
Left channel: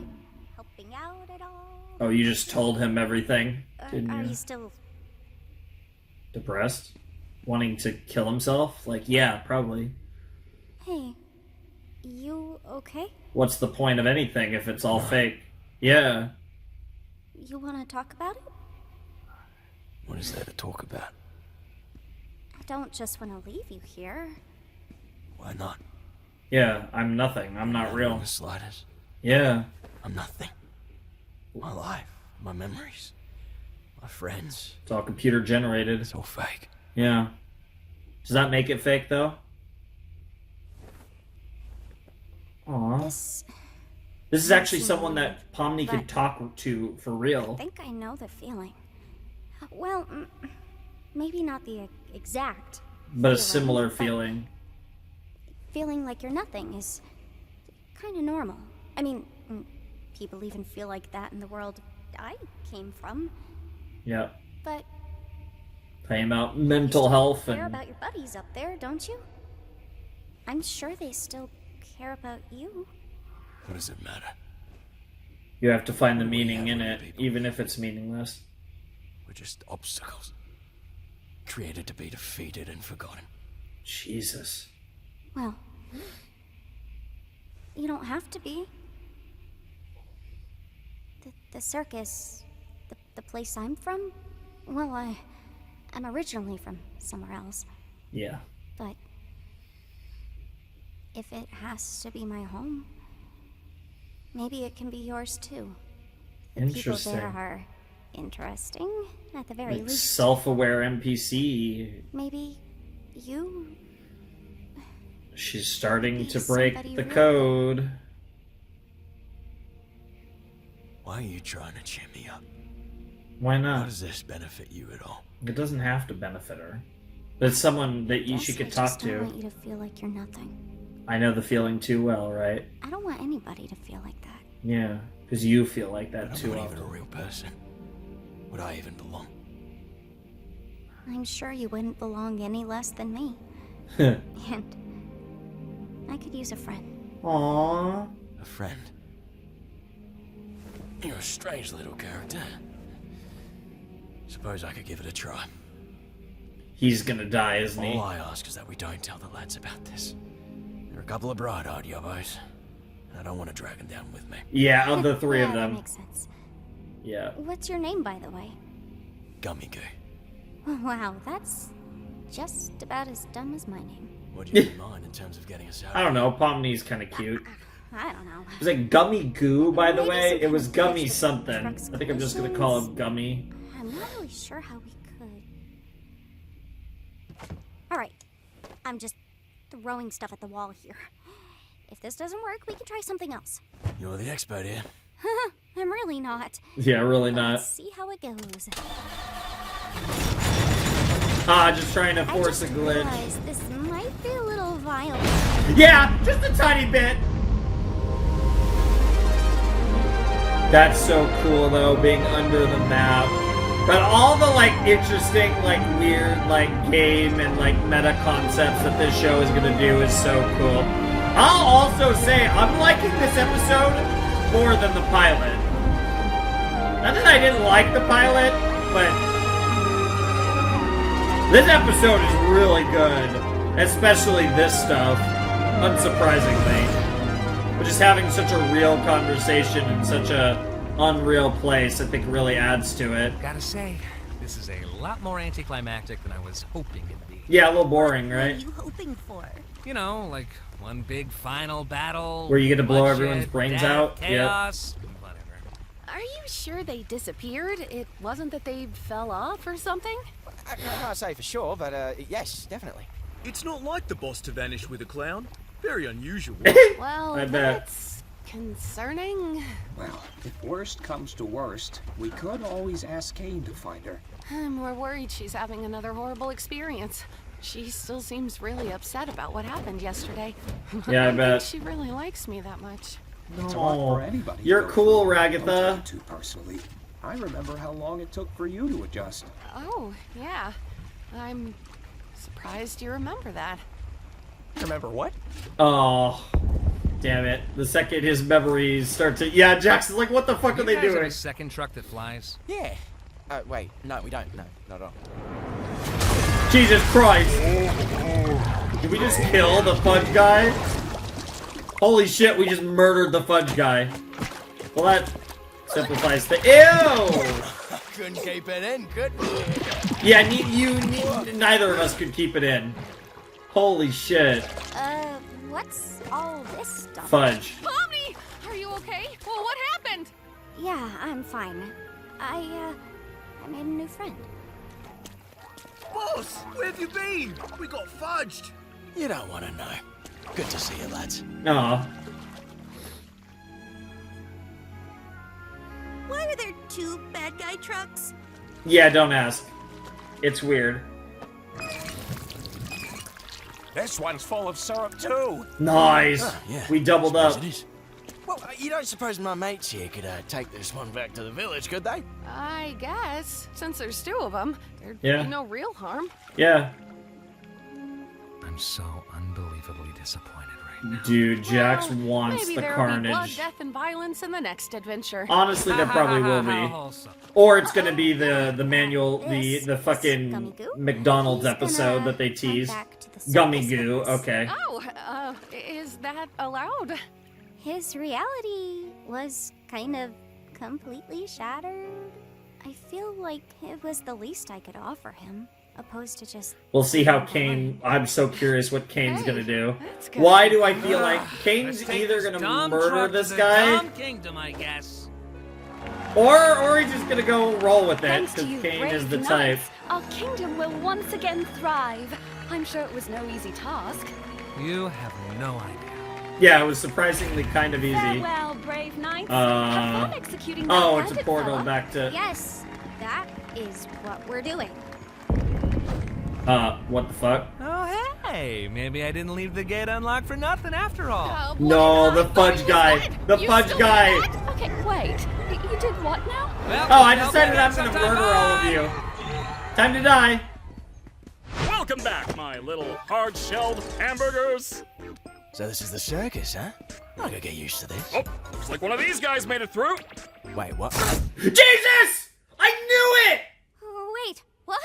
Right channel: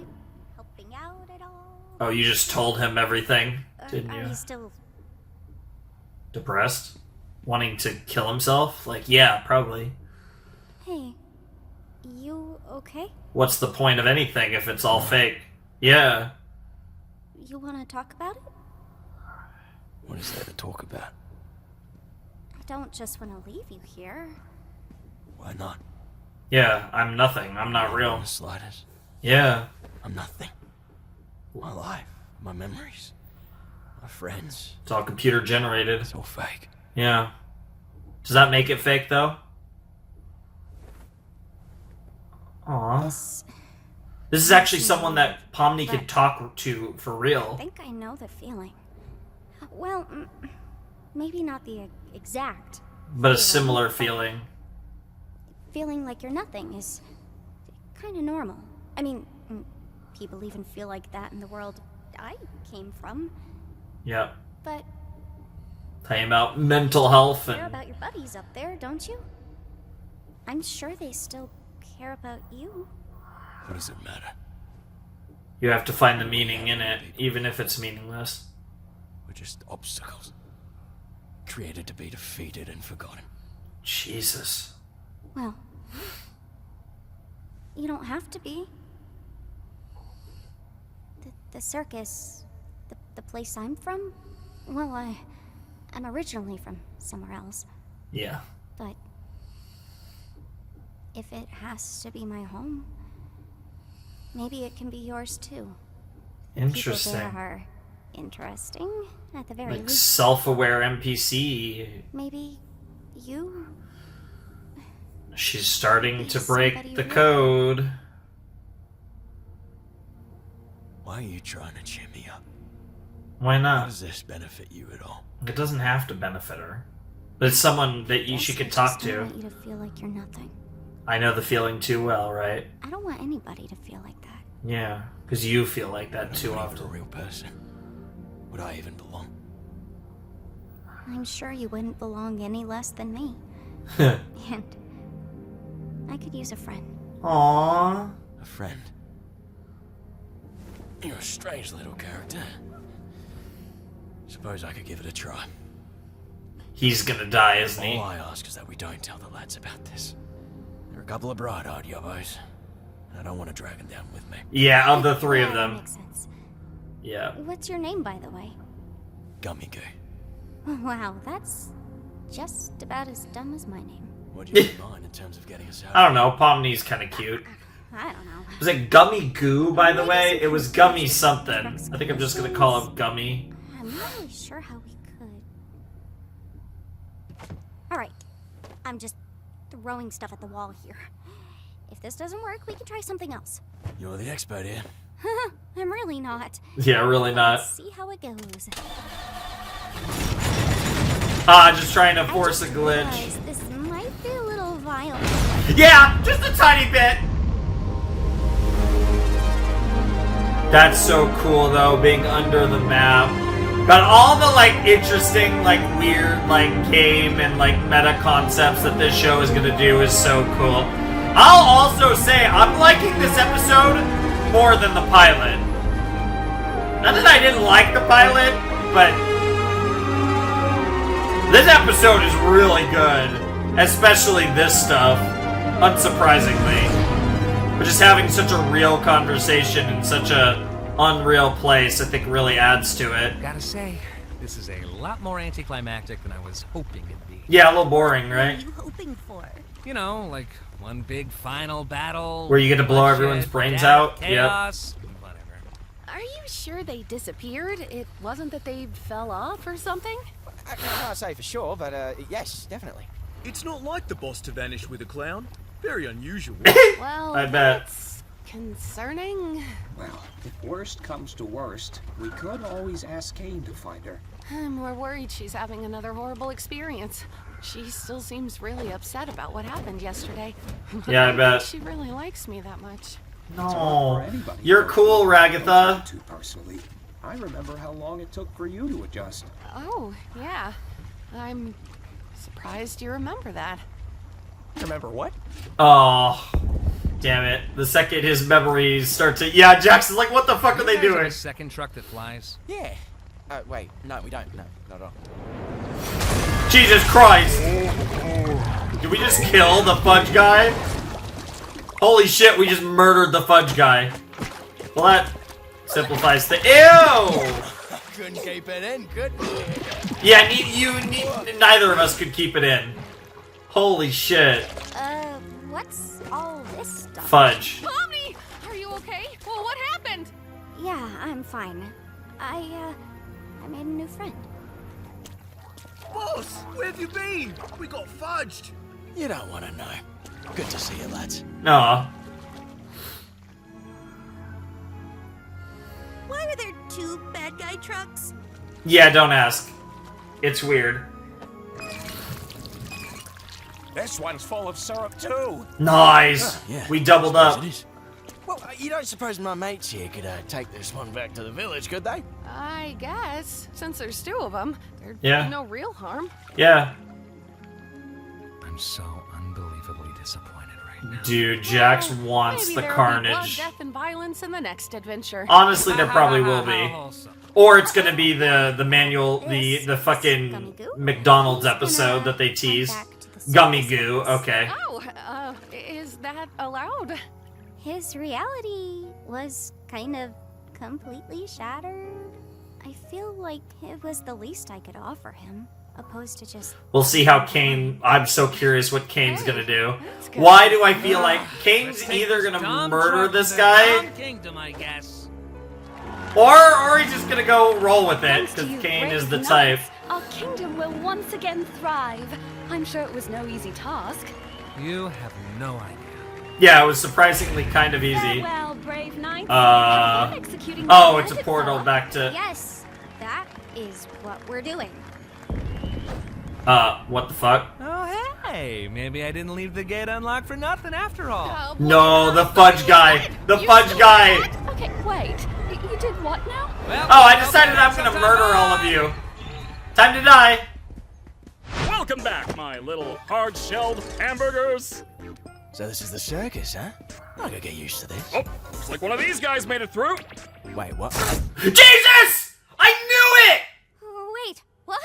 helping out at all? Oh, you just told him everything, didn't Are you? you still... Depressed? Wanting to kill himself? Like, yeah, probably. Hey, you okay? What's the point of anything if it's all fake? Yeah. You want to talk about it? What is there to talk about? I don't just want to leave you here. Why not? Yeah, I'm nothing. I'm not real. The slightest. Yeah. I'm nothing. My life, my memories, my friends. It's all computer generated. It's all fake. Yeah. Does that make it fake, though? Aww. This is actually someone that Pomni could talk to for real. I think I know the feeling. Well, maybe not the exact But a feeling, similar but feeling. Feeling like you're nothing is kind of normal. I mean, people even feel like that in the world I came from. Yep. But Talking about mental health you care and... about your buddies up there, don't you? I'm sure they still care about you. What does it matter? You have to find the meaning in it, even if it's meaningless. We're just obstacles. Created to be defeated and forgotten. Jesus. Well, you don't have to be. The circus, the place I'm from, well, I'm originally from somewhere else. Yeah. But if it has to be my home, maybe it can be yours too. The people Interesting. there are interesting, at the very Like least. self-aware NPC. Maybe you... She's starting Be to break somebody the real. code. Why are you trying to cheer me up? Why How not? does this benefit you at all? It doesn't have to benefit her. But it's someone that she could talk I don't want to. you to feel like you're nothing. I know the feeling too well, right? I don't want anybody to feel like that. Yeah, because you feel like that I'm too not even a often. real person. Would I even belong? I'm sure you wouldn't belong any less than me. And I could use a friend. Aww. A friend? You're a strange little character. Suppose I could give it a try. He's gonna die, isn't he? All I ask is that we don't tell the lads about this. They're a couple of bright-eyed yobbos, and I don't want to drag them down with me. Yeah, of the three of Yeah, that them. makes sense. Yeah. What's your name, by the way? Gummy goo. Wow, that's just about as dumb as my name. What do you have in mind in terms of getting us out? I don't know, Pomni's kind of cute. I don't know. Was it Gummy Goo, by the Maybe way? some It was kind of Gummy connection something. trucks I think I'm just gonna call him collisions. Gummy. I'm not really sure how we could. Alright, I'm just throwing stuff at the wall here. If this doesn't work, we can try something else. You're the expert here. I'm really not. Yeah, really But not. Let's see how it goes. Ah, just trying to I force just a glitch. realized this might be a little violent. Yeah, just a tiny bit. That's so cool though, being under the map. But all the like interesting, like weird, like game and like meta concepts that this show is gonna do is so cool. I'll also say I'm liking this episode more than the pilot. Not that I didn't like the pilot, but this episode is really good. Especially this stuff, unsurprisingly. But just having such a real conversation in such a unreal place, I think really adds to it. Gotta say, this is a lot more anticlimactic than I was hoping it'd be. Yeah, a little boring, What right? are you hoping for? You know, like one big final battle. Where you get to blow bloodshed, everyone's brains death, out. Chaos, whatever. Are you sure they disappeared? It wasn't that they fell off or something? I can't say for sure, but yes, definitely. It's not like the boss to vanish with a clown. Very unusual. Well, I bet. that's concerning. Well, if worst comes to worst, we could always ask Kane to find her. I'm more worried she's having another horrible experience. She still seems really upset about what happened yesterday. Yeah, I don't bet. think she really likes me that much. It's hard for anybody to You're go cool, through what Ragatha. I'm too personally. I remember how long it took for you to adjust. Oh, yeah. I'm surprised you remember that. Remember what? Oh, damn it. The second his memories start to... Yeah, Jackson's like, what the fuck are they You guys have doing? a second truck that flies? Yeah. Wait, no, we don't. No, not at all. Jesus Christ. Did we just kill the fudge guy? Holy shit, we just murdered the fudge guy. Well, that simplifies the... Ew! Couldn't keep it in, could we? Yeah, neither of us could keep it in. Holy shit. What's all this stuff? Fudge. Pomni! Are you okay? Well, what happened? Yeah, I'm fine. I made a new friend. Boss, where have you been? We got fudged. You don't want to know. Good to see you, lads. Aw. Why are there two bad guy trucks? Yeah, don't ask. It's weird. This one's full of syrup too. Nice. Yeah, We doubled suppose up. it is. Well, you don't suppose my mates here could take this one back to the village, could they? I guess. Since there's two of them, there'd Yeah. be no real harm. Yeah. I'm so unbelievably disappointed right now. Dude, Jax Well, wants maybe the there'll be blood, carnage. death, and violence in the next adventure. Honestly, there probably will How be. wholesome. Or it's gonna be the manual, the Gummy fucking goo? McDonald's He's episode gonna that they come tease. back to the Gummy circus goo, with us. okay. Oh, is that allowed? His reality was kind of completely shattered. I feel like it was the least I could offer him, opposed to just... We'll see how Kane... I'm so curious what Kane's gonna do. that's good. Why do I feel like Kane's Let's take either this gonna dumb murder truck to this the guy, dumb kingdom, I guess. or he's just gonna go roll with it, Thanks to because you, Kane brave is the type. knights, our kingdom will once again thrive. I'm sure it was no easy task. You have no idea. Yeah, it was surprisingly kind of easy. Farewell, brave knights. Have fun executing that Oh, it's a bandit portal fella. back to... Yes, that is what we're doing. What the fuck? Oh, hey, maybe I didn't leave the gate unlocked for nothing after all. Oh, boy, No, the I thought fudge he was guy! dead. The You fudge still guy! did that? Okay, wait. You did what now? Well, Oh, I okay, decided I'm that's gonna sometime. murder all of Bye. you. Time to die. Welcome back, my little hard-shelled hamburgers. So this is the circus, huh? I gotta get used to this. Oh, looks like one of these guys made it through. Wait, what? Jesus! I knew it! Wait, what?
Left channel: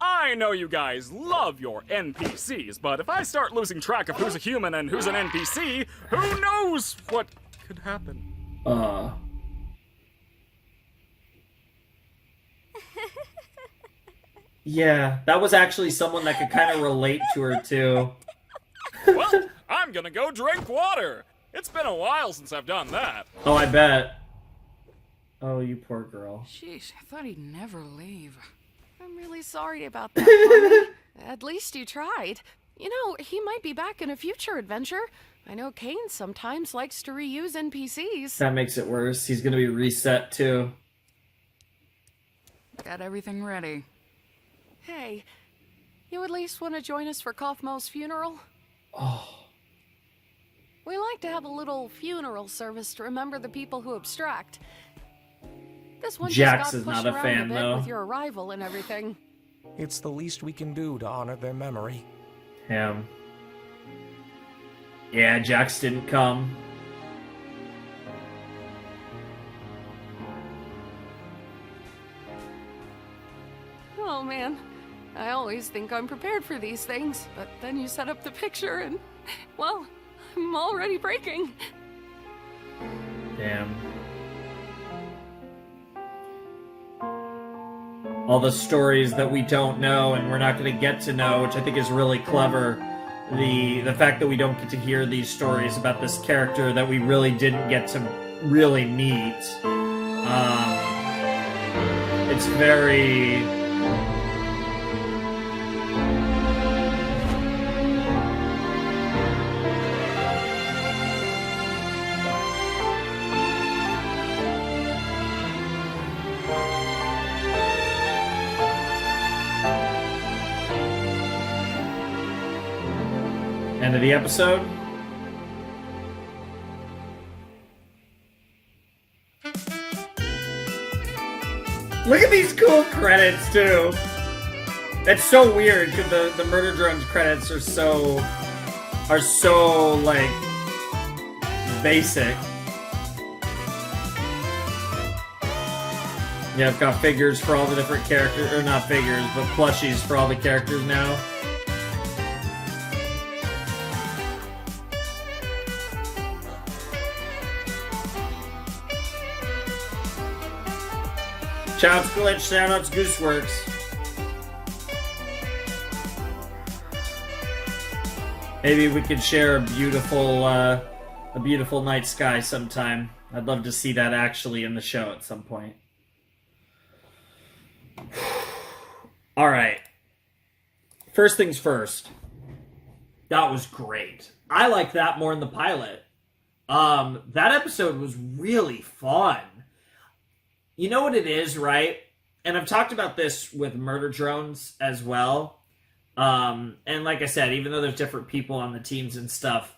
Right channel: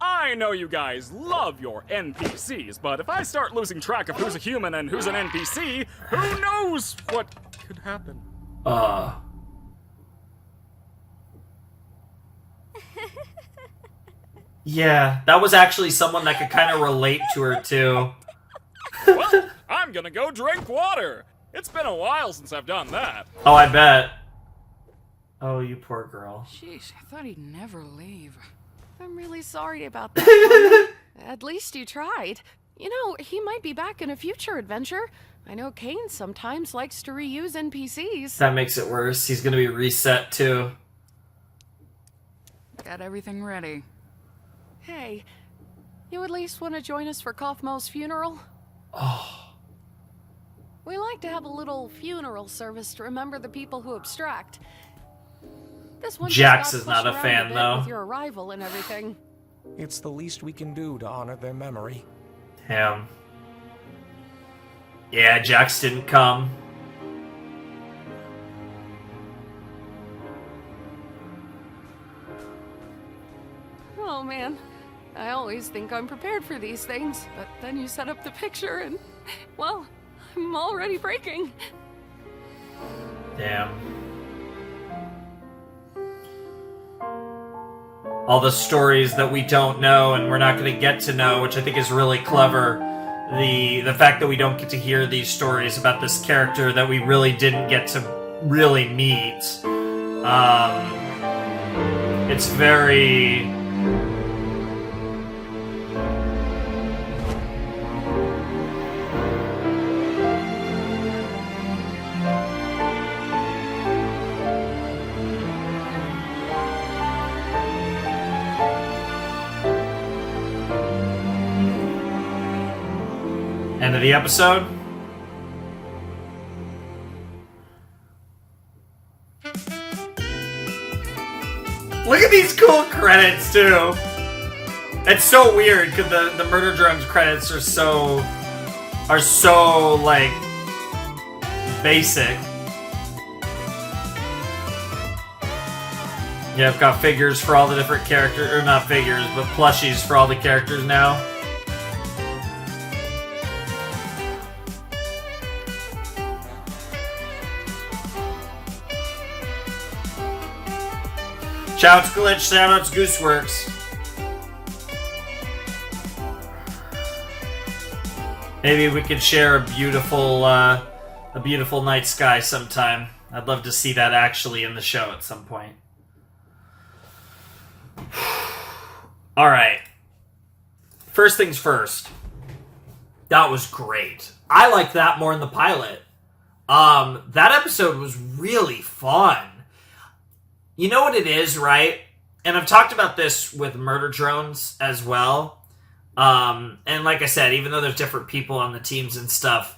I know you guys love your NPCs, but if I start losing track of who's a human and who's an NPC, who knows what could happen? Yeah, that was actually someone that could kind of relate to her too. Well, I'm gonna go drink water. It's been a while since I've done that. Oh, I bet. Oh, you poor girl. Jeez, I thought he'd never leave. I'm really sorry about that, Pomni. At least you tried. You know, he might be back in a future adventure. I know Kane sometimes likes to reuse NPCs. That makes it worse. He's gonna be reset too. Got everything ready. Hey, you at least want to join us for Kaufmo's funeral? We like to have a little funeral service to remember the people who abstract. This one Jax just is got not pushed a around fan, a bit though. with your arrival and everything. It's the least we can do to honor their memory. Him. Yeah, Jax didn't come. Oh man, I always think I'm prepared for these things, but then you set up the picture and, well, I'm already breaking. Damn. All the stories that we don't know and we're not going to get to know, which I think is really clever. The fact that we don't get to hear these stories about this character that we really didn't get to really meet. It's very... End of the episode. Look at these cool credits too. It's so weird because the Murder Drones credits are so like basic. Yeah, I've got figures for all the different characters, or not figures, but plushies for all the characters now. Shoutouts Glitch, shoutouts Gooseworks. Maybe we could share a beautiful night sky sometime. I'd love to see that actually in the show at some point. Alright. First things first. That was great. I liked that more in the pilot. That episode was really fun. You know what it is, right? And I've talked about this with Murder Drones as well. And like I said, even though there's different people on the teams and stuff,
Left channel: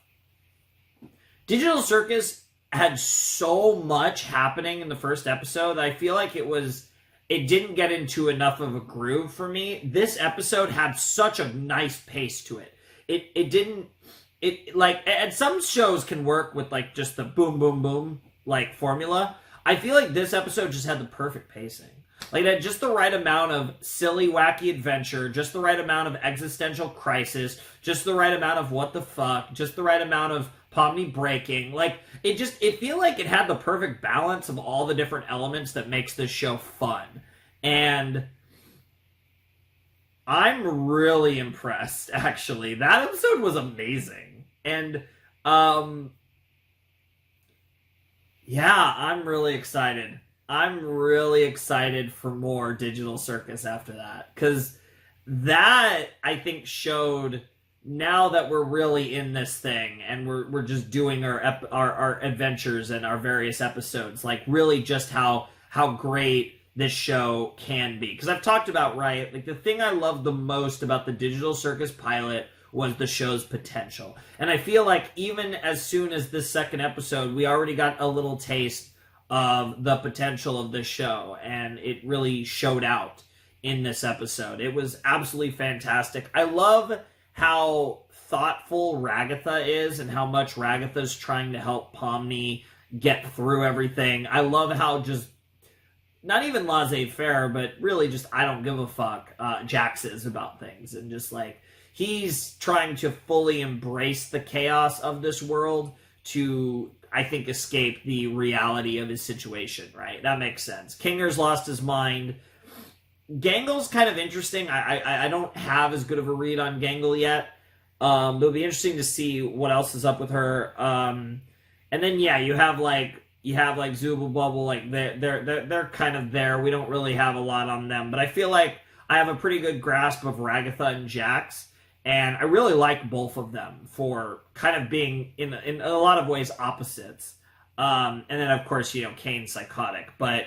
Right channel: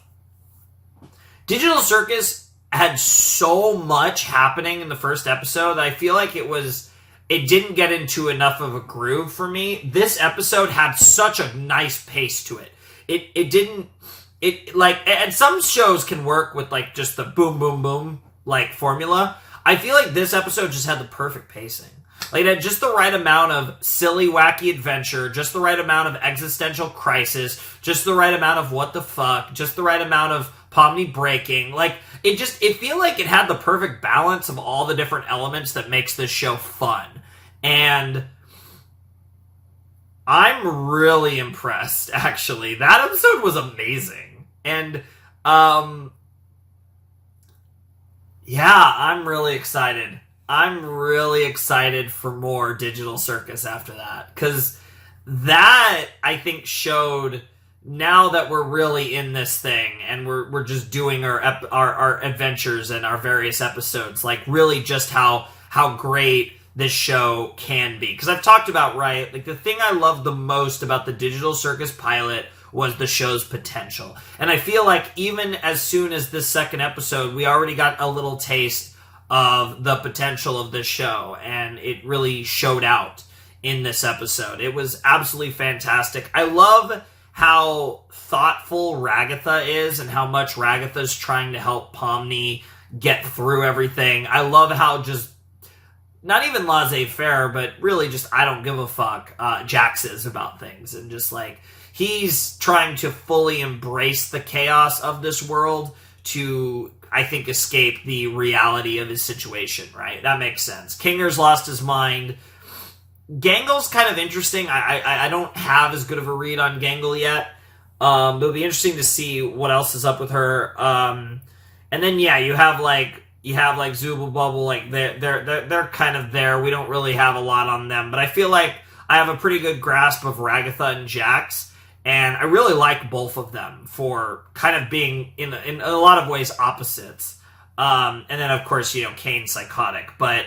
Digital Circus had so much happening in the first episode that I feel like it didn't get into enough of a groove for me. This episode had such a nice pace to it. It like, and some shows can work with like just the boom, boom, boom, like formula. I feel like this episode just had the perfect pacing. Like, it had just the right amount of silly, wacky adventure, just the right amount of existential crisis, just the right amount of what the fuck, just the right amount of Pomni breaking. Like, it feel like it had the perfect balance of all the different elements that makes this show fun. And I'm really impressed, actually. That episode was amazing. And, yeah, I'm really excited. I'm really excited for more Digital Circus after that. Because that, I think, showed, now that we're really in this thing and we're just doing our adventures and our various episodes, like really just how great this show can be. Because I've talked about, right, like the thing I love the most about the Digital Circus pilot was the show's potential. And I feel like even as soon as this second episode, we already got a little taste of the potential of this show, and it really showed out in this episode. It was absolutely fantastic. I love how thoughtful Ragatha is and how much Ragatha's trying to help Pomni get through everything. I love how just, not even laissez-faire, but really just I don't give a fuck Jax is about things, and just like, he's trying to fully embrace the chaos of this world to, I think, escape the reality of his situation, right? That makes sense. Kinger's lost his mind. Gangle's kind of interesting. I don't have as good of a read on Gangle yet. But it'll be interesting to see what else is up with her. And then, yeah, you have Zubul Bubble, like they're kind of there. We don't really have a lot on them, but I feel like I have a pretty good grasp of Ragatha and Jax. And I really like both of them for kind of being, in a lot of ways, opposites. And then, of course, Kane's psychotic. But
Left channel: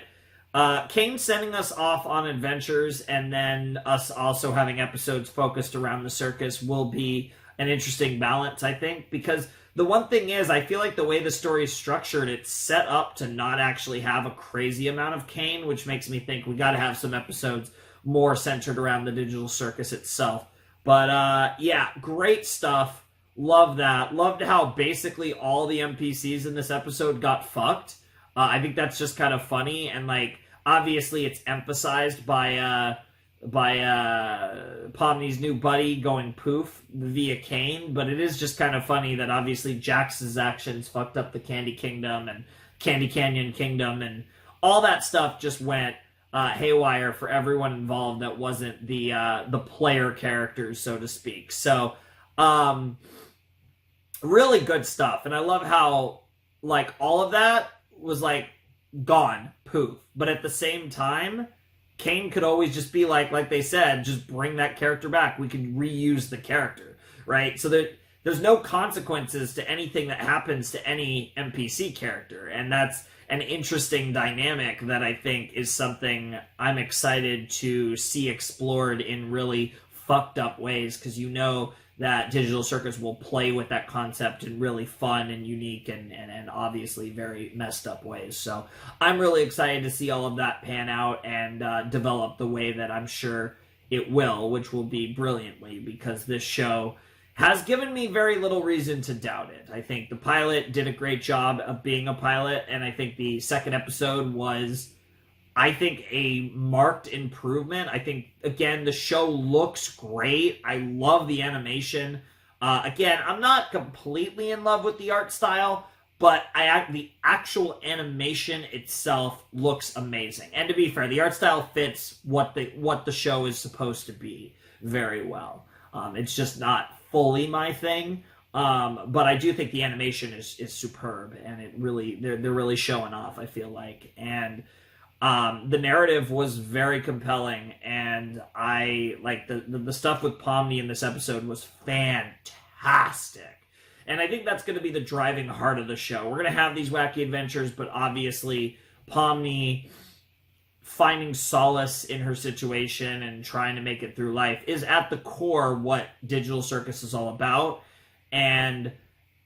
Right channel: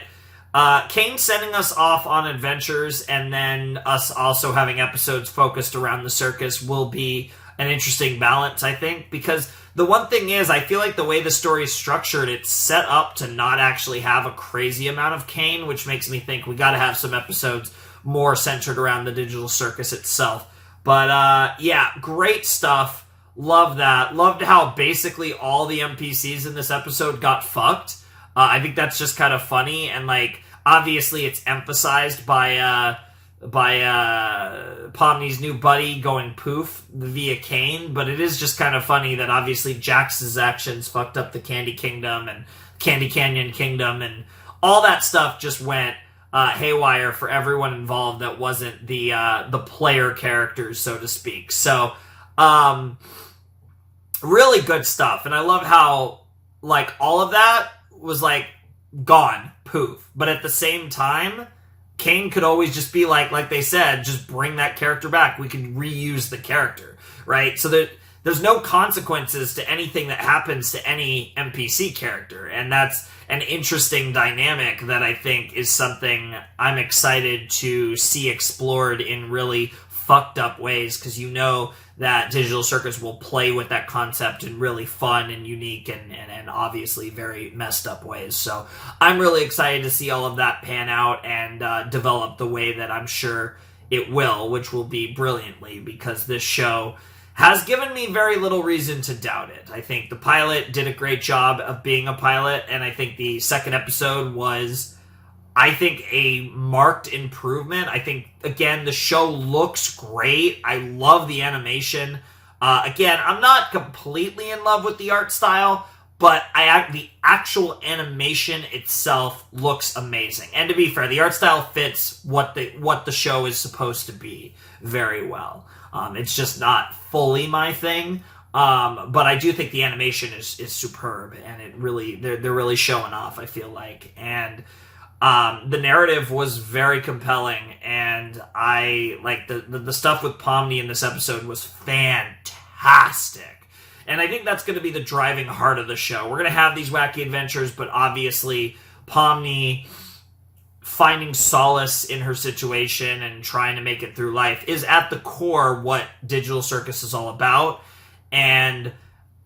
Kane sending us off on adventures and then us also having episodes focused around the circus will be an interesting balance, I think, because the one thing is, I feel like the way the story is structured, it's set up to not actually have a crazy amount of Kane, which makes me think we got to have some episodes more centered around the digital circus itself. But yeah, great stuff. Love that. Loved how basically all the NPCs in this episode got fucked. I think that's just kind of funny, and like obviously it's emphasized by Pomni's new buddy going poof via Kane, but it is just kind of funny that obviously Jax's actions fucked up the Candy Kingdom and Candy Canyon Kingdom, and all that stuff just went haywire for everyone involved that wasn't the player characters, so to speak. So really good stuff, and I love how like all of that was like gone poof, but at the same time Kane could always just be like they said, just bring that character back. We can reuse the character, right? So that there's no consequences to anything that happens to any NPC character, and that's an interesting dynamic that I think is something I'm excited to see explored in really fucked up ways, because you know that Digital Circus will play with that concept in really fun and unique and obviously very messed up ways. So I'm really excited to see all of that pan out and develop the way that I'm sure it will, which will be brilliantly, because this show has given me very little reason to doubt it. I think the pilot did a great job of being a pilot, and I think the second episode was, I think, a marked improvement. I think, again, the show looks great. I love the animation. Again, I'm not completely in love with the art style, but the actual animation itself looks amazing. And to be fair, the art style fits what the show is supposed to be very well. It's just not fully my thing, but I do think the animation is superb, and it really they're really showing off, I feel like. And the narrative was very compelling, and I like the stuff with Pomni in this episode was fantastic. And I think that's going to be the driving heart of the show. We're going to have these wacky adventures, but obviously Pomni finding solace in her situation and trying to make it through life is at the core what Digital Circus is all about. And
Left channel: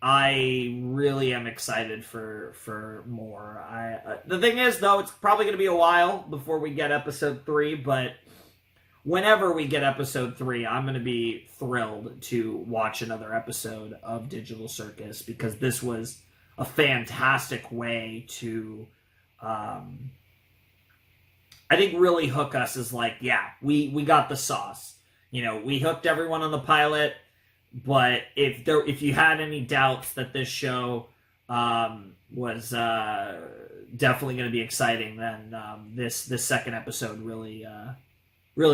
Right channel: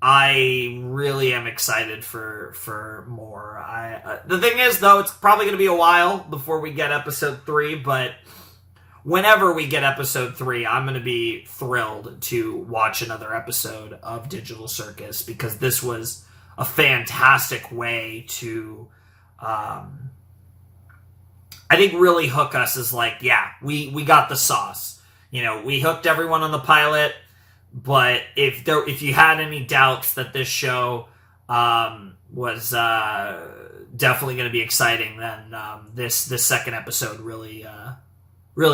I really am excited for more. The thing is, though, it's probably going to be a while before we get episode 3, but whenever we get episode 3, I'm going to be thrilled to watch another episode of Digital Circus, because this was a fantastic way to, I think, really hook us as like, yeah, we got the sauce. You know, we hooked everyone on the pilot, but if you had any doubts that this show was definitely going to be exciting, then this second episode really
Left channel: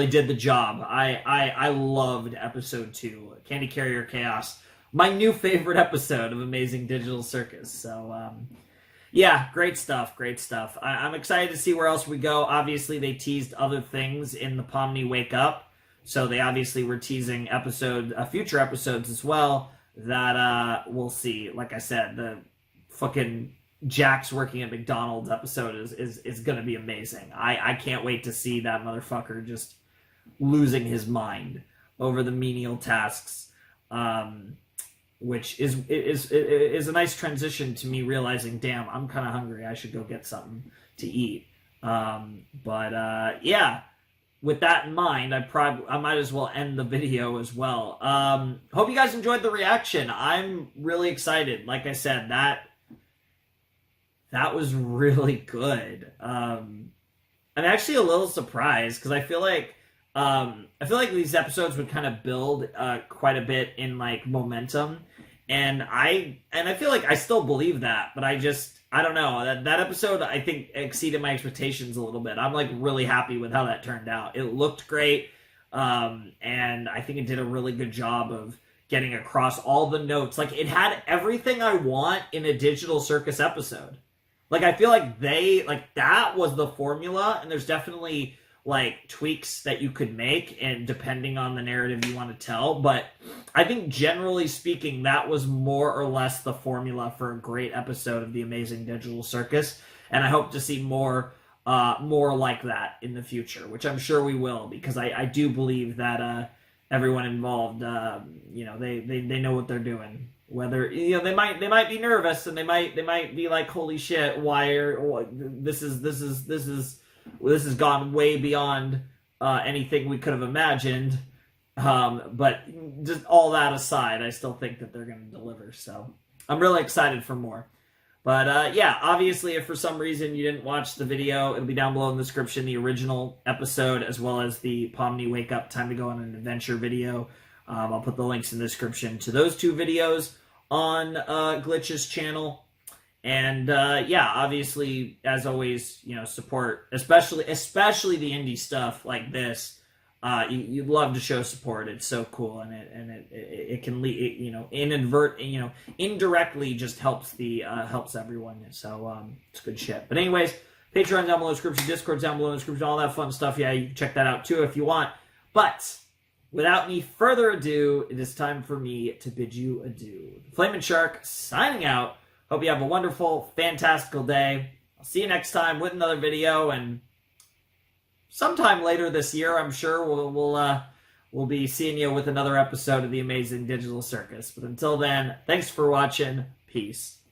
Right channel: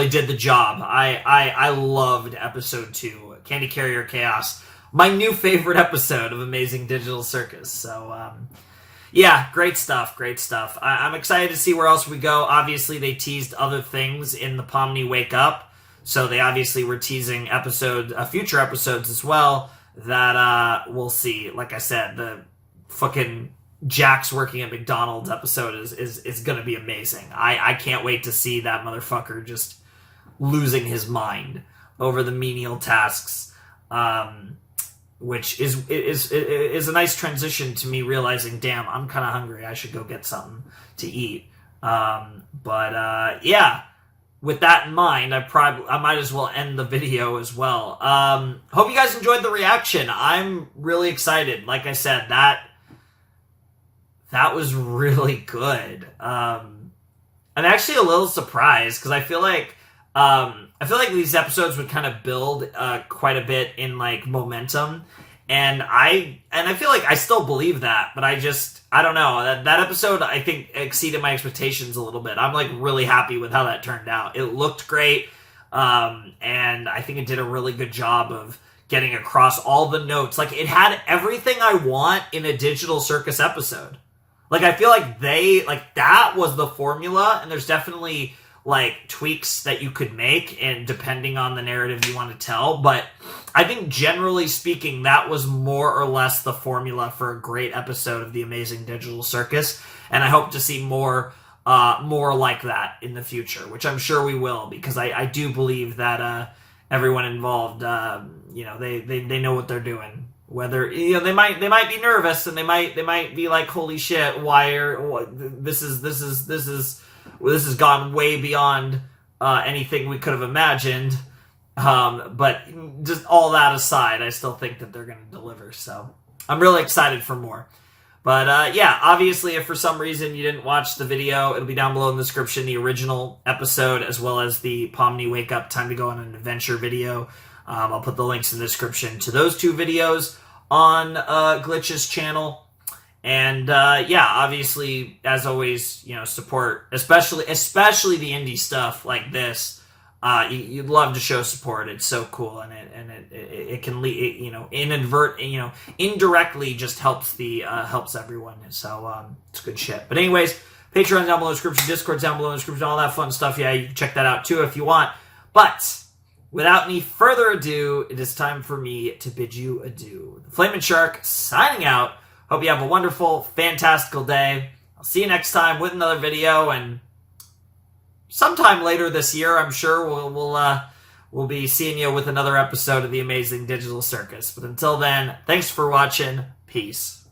did the job. I loved episode 2, Candy Carrier Chaos, my new favorite episode of Amazing Digital Circus. So yeah, great stuff. I'm excited to see where else we go. Obviously, they teased other things in the Pomni Wake Up, so they obviously were teasing future episodes as well that we'll see. Like I said, the fucking Jax working at McDonald's episode is going to be amazing. I can't wait to see that motherfucker just losing his mind over the menial tasks, which is a nice transition to me realizing, damn, I'm kind of hungry. I should go get something to eat. But yeah. With that in mind, I might as well end the video as well. Hope you guys enjoyed the reaction. I'm really excited. Like I said, that was really good. I'm actually a little surprised, because I feel like these episodes would kind of build quite a bit in like momentum, and I feel like I still believe that, but I don't know, that episode I think exceeded my expectations a little bit. I'm like really happy with how that turned out. It looked great, and I think it did a really good job of getting across all the notes. Like, it had everything I want in a Digital Circus episode. Like, I feel like that was the formula, and there's definitely like tweaks that you could make, and depending on the narrative you want to tell, but I think generally speaking that was more or less the formula for a great episode of the Amazing Digital Circus, and I hope to see more like that in the future, which I'm sure we will, because I do believe that everyone involved, they know what they're doing. Whether they might be nervous and they might be like, holy shit, this has gone way beyond anything we could have imagined. But just all that aside, I still think that they're going to deliver. So I'm really excited for more. But yeah, obviously, if for some reason you didn't watch the video, it'll be down below in the description, the original episode, as well as the Pomni Wake Up Time to Go on an Adventure video. I'll put the links in the description to those two videos on Glitch's channel. And yeah, obviously, as always, support, especially the indie stuff like this. You'd love to show support. It's so cool, and it can lead, indirectly just helps everyone. So it's good shit. But anyways, Patreon down below in the description, Discord down below in the description, all that fun stuff. Yeah, you can check that out too if you want. But without any further ado, it is time for me to bid you adieu. The Flamin' Shark signing out. Hope you have a wonderful, fantastical day. I'll see you next time with another video, and sometime later this year, I'm sure we'll be seeing you with another episode of the Amazing Digital Circus. But until then, thanks for watching. Peace.